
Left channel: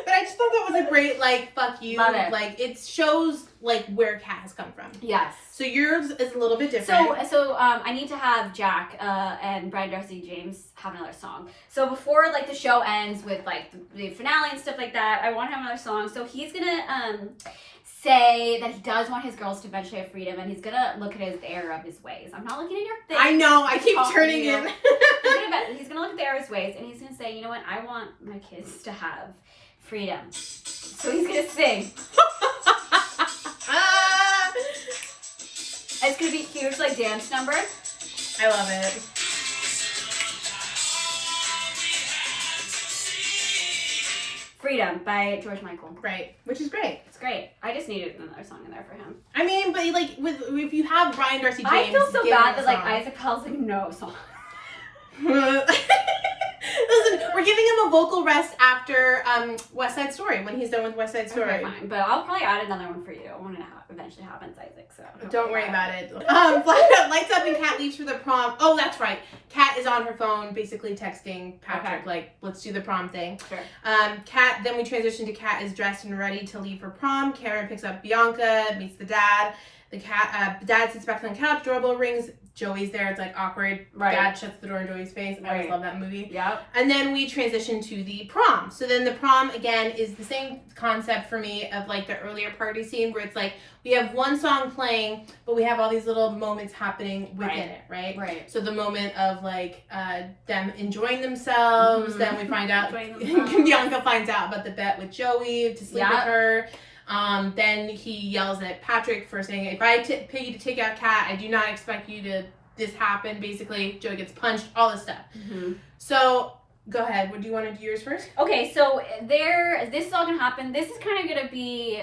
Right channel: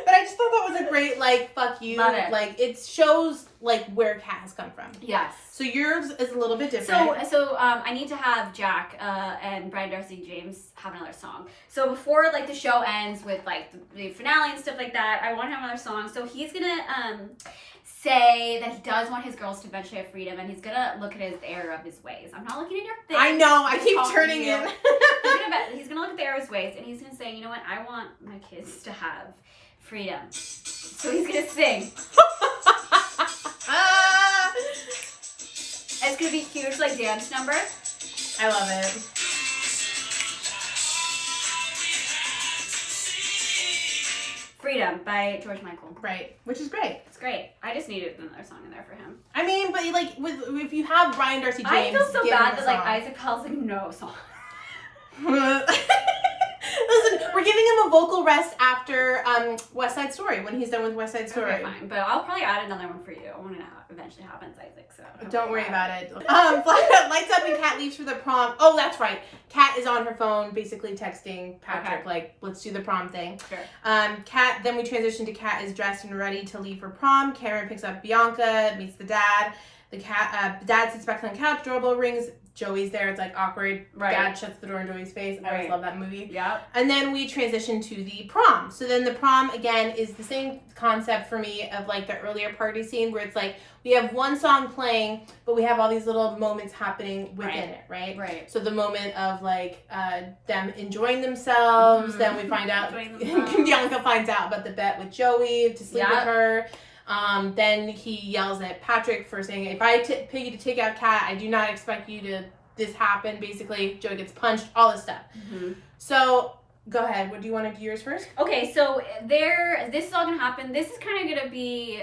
But I just thought that was a great, like, fuck you. Love it. Like, it shows, like, where Kat has come from. Yes. So yours is a little bit different. So I need to have Jack and Brian Darcy James have another song. So before, like, the show ends with, like, the finale and stuff like that, I want to have another song. So he's gonna say that he does want his girls to eventually have freedom, and he's gonna look at the error of his ways. I'm not looking at your face. I know. I I'm keep talking turning to you. it. He's gonna look at the error of his ways, and he's gonna say, you know what? I want my kids to have freedom. So he's gonna sing. It's gonna be a huge, like, dance number. I love it. Freedom by George Michael. Right. Which is great. It's great. I just needed another song in there for him. I mean, but, like, if you have Brian Darcy James... I feel so give bad him that, a like, song. Isaac Hall's like, no song. Listen, we're giving him a vocal rest after West Side Story, when he's done with West Side Story. Okay, fine. But I'll probably add another one for you when it eventually happens, Isaac. So Don't worry about it. Lights up and Kat leaves for the prom. Oh, that's right. Kat is on her phone, basically texting Patrick, Okay. like, let's do the prom thing. Sure. Kat, then we transition to Kat is dressed and ready to leave for prom. Karen picks up Bianca, meets the dad. The dad sits back on the couch, doorbell rings. Joey's there. It's like awkward. Right. Dad shuts the door in Joey's face. I always Right. love that movie. Yep. And then we transition to the prom. So then the prom, again, is the same concept for me of, like, the earlier party scene where it's like we have one song playing, but we have all these little moments happening within it, right? Right. So the moment of, like, them enjoying themselves, Mhm. then we find out, Enjoying themselves. Bianca finds out about the bet with Joey to sleep with Yep. her. Then he yells at Patrick for saying, if I pay you to take out Kat, I do not expect you to this happen. Basically, Joey gets punched, all this stuff. Mm-hmm. So, go ahead. What do you want to do yours first? Okay, so this is all gonna happen. This is kind of gonna be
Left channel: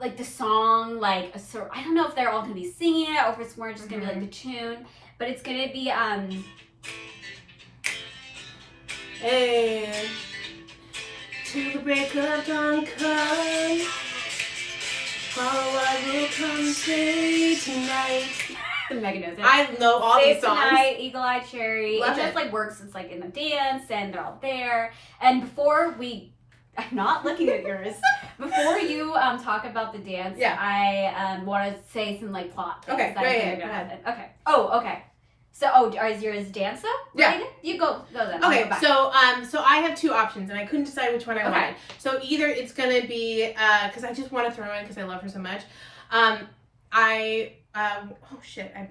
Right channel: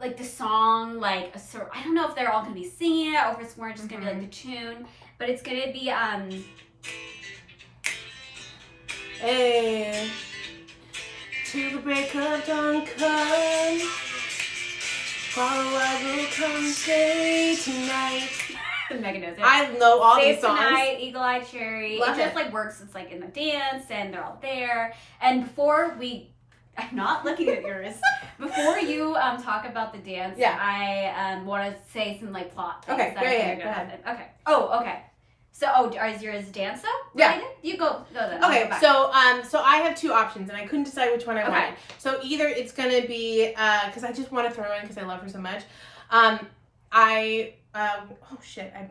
like the song, like I don't know if they're all gonna be singing it or if it's more just gonna be like the tune, but it's gonna be Hey, till the break of dawn come, I will come stay tonight. Megan knows it. I know all Save these songs. Tonight, Eagle Eye Cherry. Love it just it. like works. It's like in the dance and they're all there. And before I'm not looking at yours. Before you talk about the dance, Yeah. I want to say some like plot things Okay, that I great, think are go gonna ahead. happen. Okay. Oh, okay. So, is yours dance though? Yeah. Related? You go then. I'll Okay, go back. so I have two options, and I couldn't decide which one I Okay. wanted. So either it's gonna be because I just want to throw in because I love her so much. Oh shit! I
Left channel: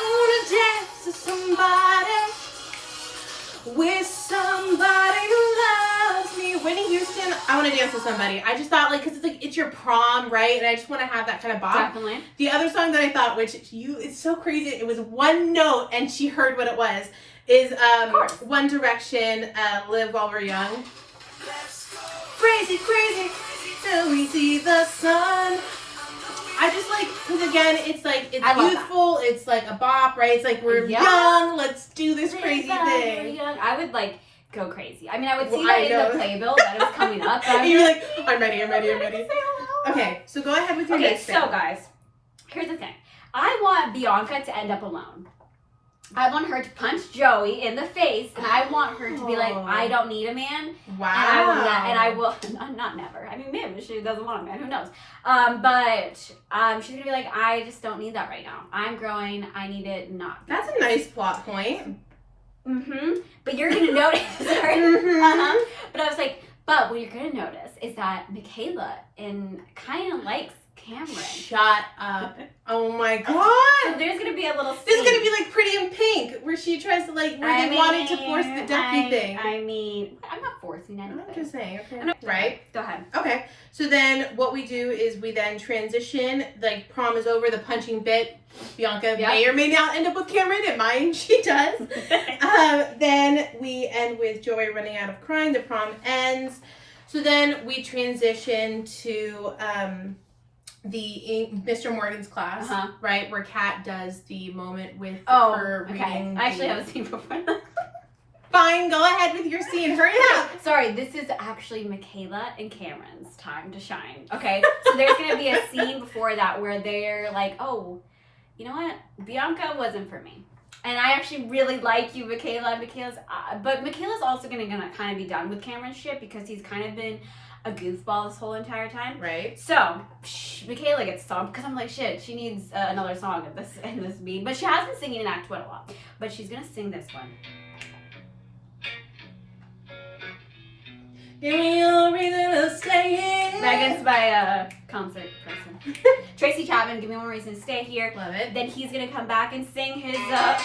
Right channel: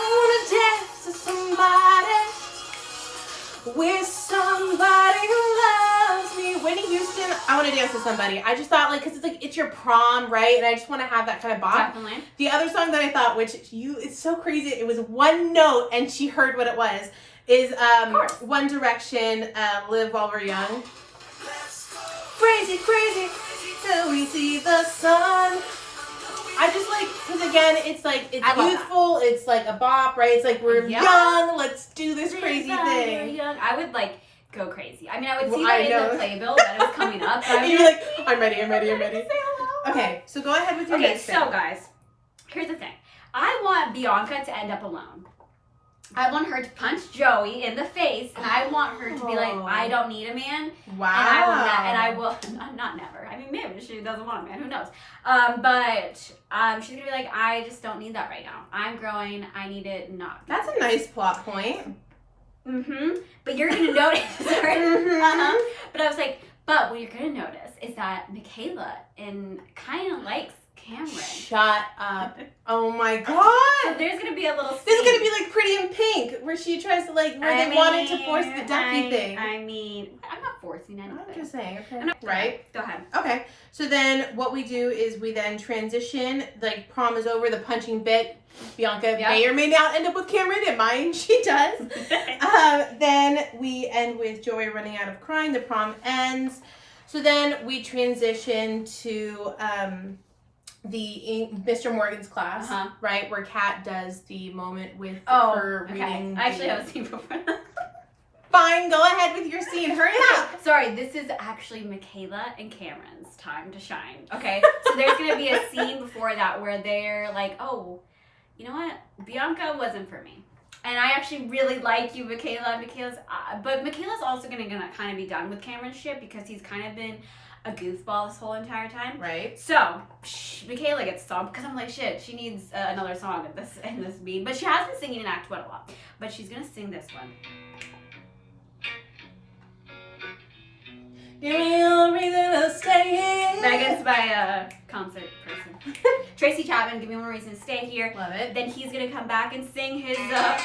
wanna dance to somebody, with somebody who loves me. Whitney Houston. I want to dance with somebody. I just thought, like, because it's like it's your prom, right? And I just want to have that kind of bop. Definitely. The other song that I thought, it's so crazy, it was one note and she heard what it was, is course. One Direction, Live While We're Young. Crazy, crazy, till we see the sun. I just like, because again, it's like, it's I love youthful, it's like a bop, right? It's like, we're Yeah. young, let's do this crazy thing. Young. I would like go crazy. I mean, I would see Well, that I in know. the playbill that it was coming up. But And you're like, I'm ready. Okay, so go ahead with your Okay, next so thing. guys, here's the thing. I want Bianca to end up alone. I want her to punch Joey in the face, and I want her to be like, Oh. I don't need a man, Wow. and I will not never. I mean, maybe she doesn't want a man. Who knows? But she's gonna be like, I just don't need that right now. I'm growing. I need it not. be That's this." a nice plot point. Mm-hmm. But you're gonna notice. Sorry. Mhm. But I was like, but what you're gonna notice is that Michaela kind of likes Cameron. Shut up. Oh my So god. there's gonna be a little. This is gonna scene. be like Pretty in Pink, where she tries to where they wanted to force the ducky thing. I mean, I'm not forcing anything. I'm just saying, okay. I know. Right? Go ahead. Okay. So then what we do is we then transition, like prom is over, the punching bit. Bianca may or may not end up with Cameron, and mine she does. Then we end with Joey running out of crying. The prom ends. So then we transition to the Mr. Morgan's class, right, where Kat does the moment with her reading. I actually have a scene before. Fine, go ahead with your scene. Hurry up. Sorry, this is actually Michaela and Cameron's time to shine. Okay, so there's gonna be a scene before that where they're like, "Oh, you know what? Bianca wasn't for me." And I actually really like you, Michaela. But Michaela's also gonna kind of be done with Cameron's shit because he's kind of been a goofball this whole entire time. Right. So Michaela gets stomped because I'm like, shit, she needs another song in this beat. But she has been singing in Act 1 a lot. But she's gonna sing this one. Give me a reason to stay here. Megan's my concert person. Tracy Chapman, give me one reason to stay here. Love it. Then he's gonna come back and sing his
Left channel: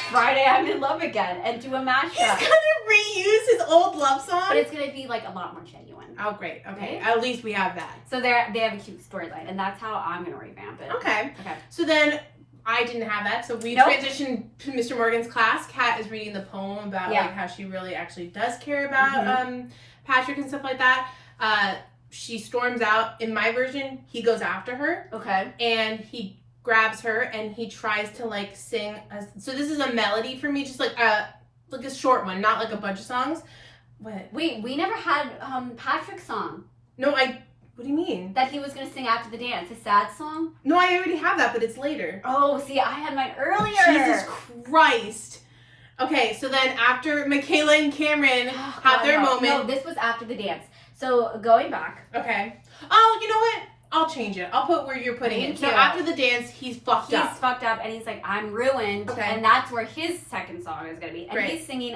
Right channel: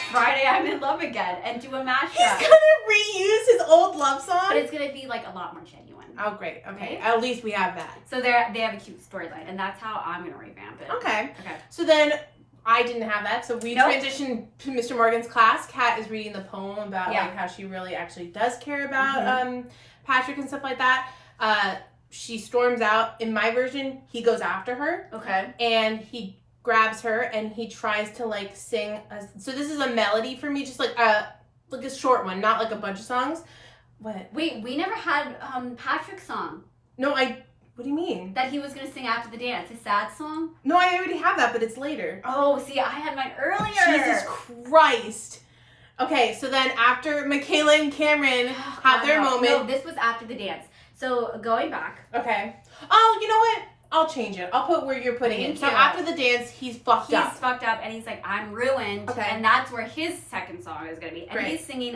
Friday I'm in Love Again and do a mashup. He's gonna reuse his old love song? But it's gonna be like a lot more genuine. Oh, great. Okay. Right? At least we have that. So they have a cute storyline, and that's how I'm gonna revamp it. Okay. Okay. So then I didn't have that. So we transitioned to Mr. Morgan's class. Kat is reading the poem about like how she really actually does care about Patrick and stuff like that. She storms out. In my version, he goes after her. Okay. And he grabs her and he tries to like sing. So this is a melody for me, just like a short one, not like a bunch of songs. What? Wait, we never had Patrick's song. No, what do you mean? That he was gonna sing after the dance, a sad song? No, I already have that, but it's later. Oh, see, I had mine earlier. Jesus Christ. Okay, so then after Michaela and Cameron have their moment. No, this was after the dance. So going back. Okay. Oh, you know what? I'll change it. I'll put where you're putting it. So after the dance, he's fucked up. He's fucked up and he's like, I'm ruined. Okay. And that's where his second song is gonna be. And he's singing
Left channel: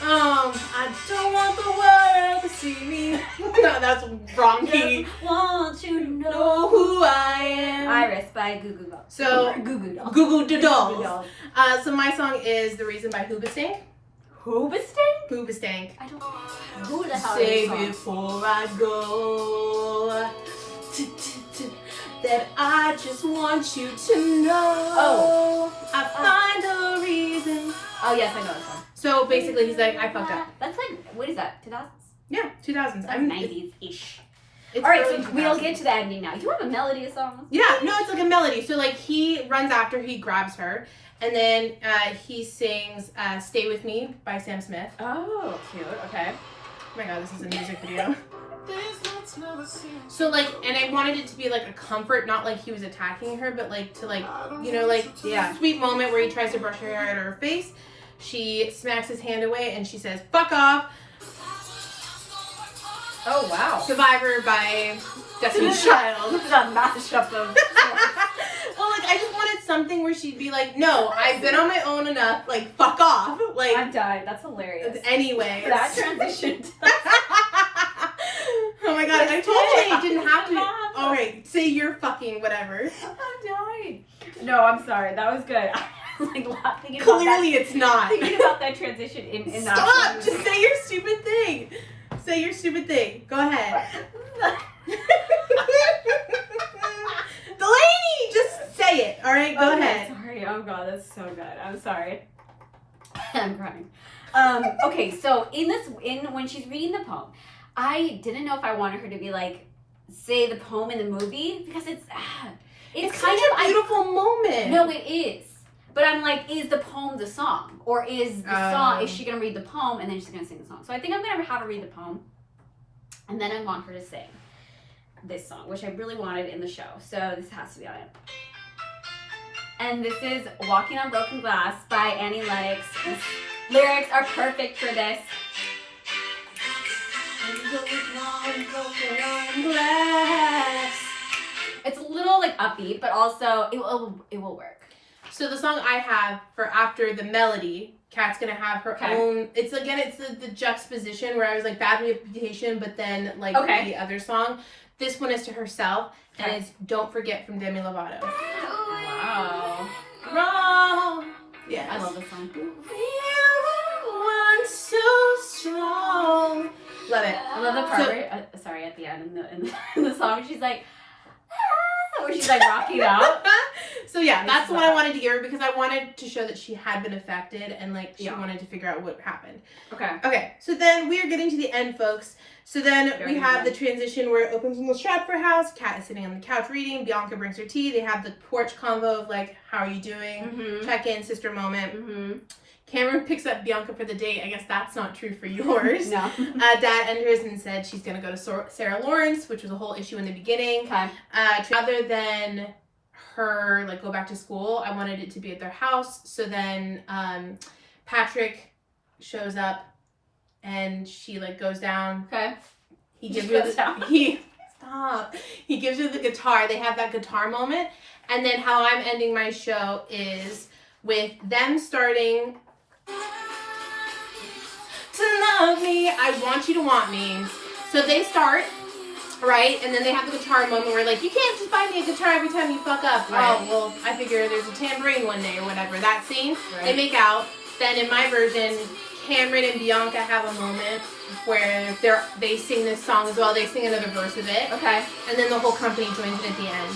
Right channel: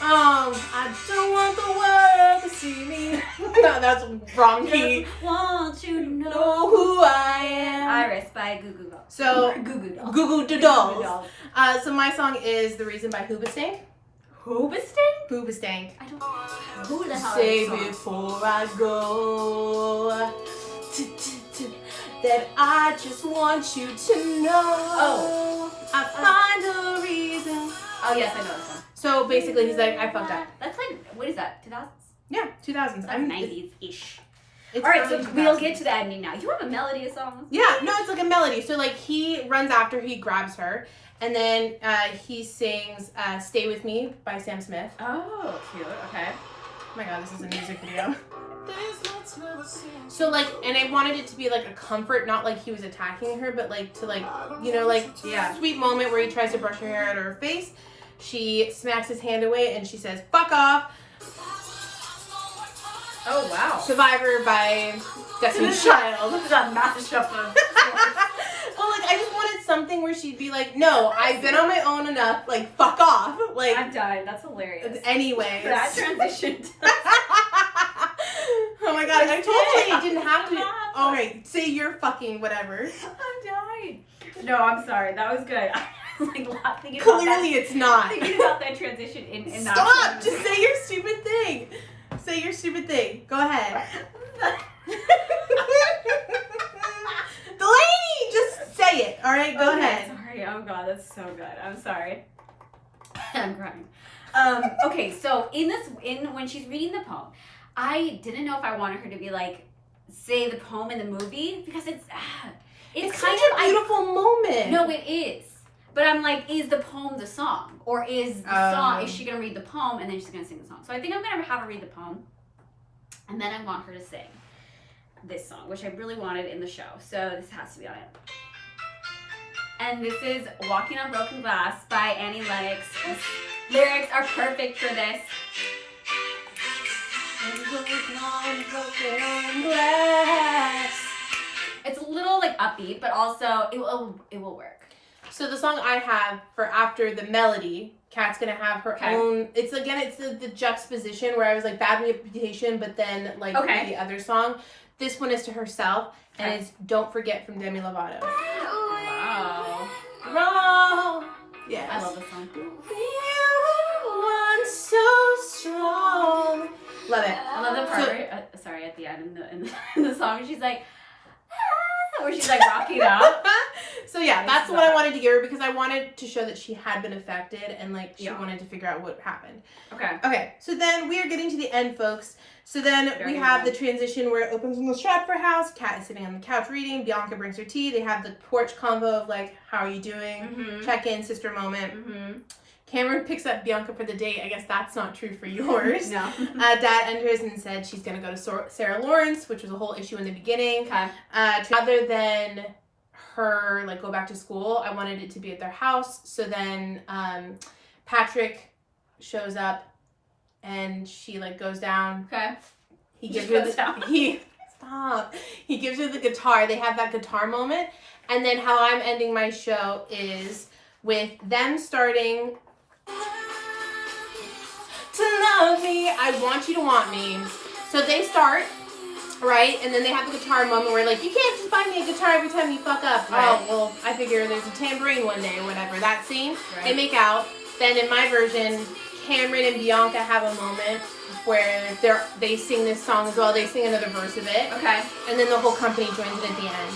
I don't want the world to see me. No, that's wrong key. Just want you to Know who I am. Iris by Goo Goo Dolls. So Goo Goo Dolls. Goo Goo Dolls. So my song is The Reason by Hoobastank. Hoobastank? Hoobastank. I don't know. Who the hell Say is this song? before I go that I just want you to know. Oh. I find a reason. Oh, yes, I know this one. So basically, he's like, I fucked up. That's like, what is that, 2000s? Yeah, 2000s. That's 90s-ish. It's All right, so early we'll 2000s. get to the ending now. You have a melody of songs? Yeah, no, it's like a melody. So like he runs after, he grabs her, and then he sings "Stay With Me" by Sam Smith. Oh, cute. Okay. Oh my god, this is a music video. So like, and I wanted it to be like a comfort, not like he was attacking her, but like to like, you know, like sweet moment where he tries to brush her hair out of her face. She smacks his hand away and she says, "Fuck off." Oh, wow. Survivor by Destiny's Child. This is a mashup of... Well, like, I just wanted something where she'd be like, no, I've been on my own enough, like, fuck off. Like, I'm dying. That's hilarious. Anyway. That transition. Oh my god, I told you it didn't have to be. Alright, say you're fucking whatever. I'm dying. No, I'm sorry. That was good. I was like laughing about Clearly that. it's not. Thinking about that transition in that. Stop! Just say your stupid thing. Say your stupid thing. Go ahead. Delaney, just say it. Alright, go ahead. Sorry. Oh god, that's so good. I'm sorry. I'm crying. Okay, so when she's reading the poem, I didn't know if I wanted her to be like say the poem in the movie because it's kind such of a beautiful moment. No, it is. But I'm like, is the poem the song? Or is the song, is she going to read the poem and then she's going to sing the song? So I think I'm going to have her read the poem. And then I want her to sing this song, which I really wanted in the show. So this has to be on it. And this is Walking on Broken Glass by Annie Lennox. The lyrics are perfect for this. It's a little like upbeat, but also it will work. So the song I have for after the melody, Kat's gonna have her own. It's the juxtaposition where I was like bad reputation, but then like the other song. This one is to herself, and it's "Don't Forget" from Demi Lovato. Wow. Wrong. Yeah, I love this song. We were once so strong. Love it. I love the part where, at the end in the song, she's like, where she's like rocking out. So yeah, that's what I wanted to give her because I wanted to show that she had been affected and like she wanted to figure out what happened. Okay, so then we are getting to the end, folks. So then we have the transition where it opens in the Stratford house. Kat is sitting on the couch reading. Bianca brings her tea. They have the porch convo of like, how are you doing? Check in, sister moment. Cameron picks up Bianca for the date. I guess that's not true for yours. No. Dad enters and said she's going to go to Sarah Lawrence, which was a whole issue in the beginning. Okay. Rather than her like go back to school, I wanted it to be at their house. So then Patrick shows up and she like goes down. Okay. He gives her He gives her the guitar. They have that guitar moment. And then how I'm ending my show is with them starting to love me. I want you to want me. So they start, right? And then they have the guitar moment where like, you can't just buy me a guitar every time you fuck up. Right. Oh, well, I figure there's a tambourine one day or whatever. That scene, Right. They make out. Then in my version, Cameron and Bianca have a moment where they sing this song as well. They sing another verse of it. Okay. And then the whole company joins in at the end.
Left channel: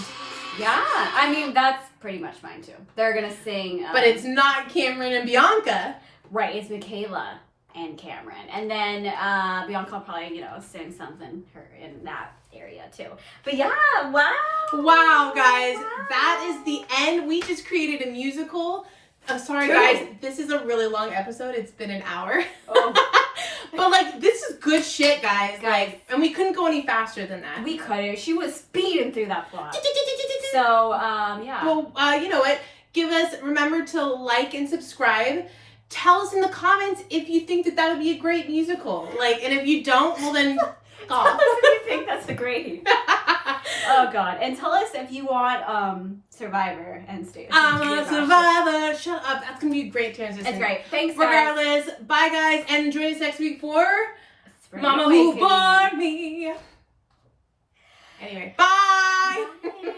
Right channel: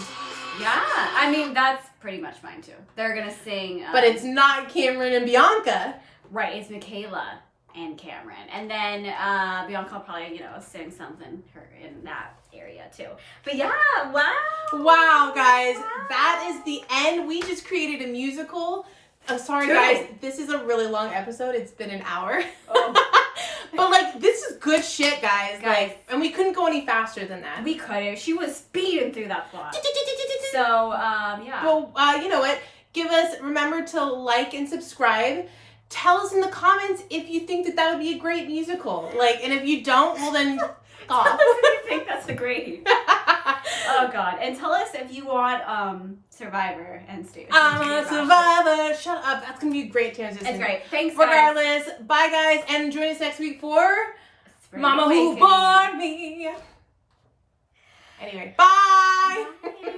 Yeah. I mean, that's pretty much mine too. They're going to sing. But it's not Cameron and Bianca. Right. It's Michaela and Cameron. And then Bianca will probably, sing something in that area too. But yeah, wow. Wow, guys. Wow. That is the end. We just created a musical. I'm sorry, True. guys. This is a really long episode. It's been an hour. Oh. But, like, this is good shit, guys. Guys. Like, and we couldn't go any faster than that. We could. She was speeding through that plot. So, yeah. Well, you know what? Remember to like and subscribe. Tell us in the comments if you think that would be a great musical. Like, and if you don't, well then, Tell us if you think that's a great. Oh God! And tell us if you want Survivor and Stay. Survivor. Shut up. That's gonna be a great transition. It's great. Thanks, guys. Regardless, bye guys, and join us next week for Spring Mama Who Awakening. Born Me. Anyway, bye. Bye.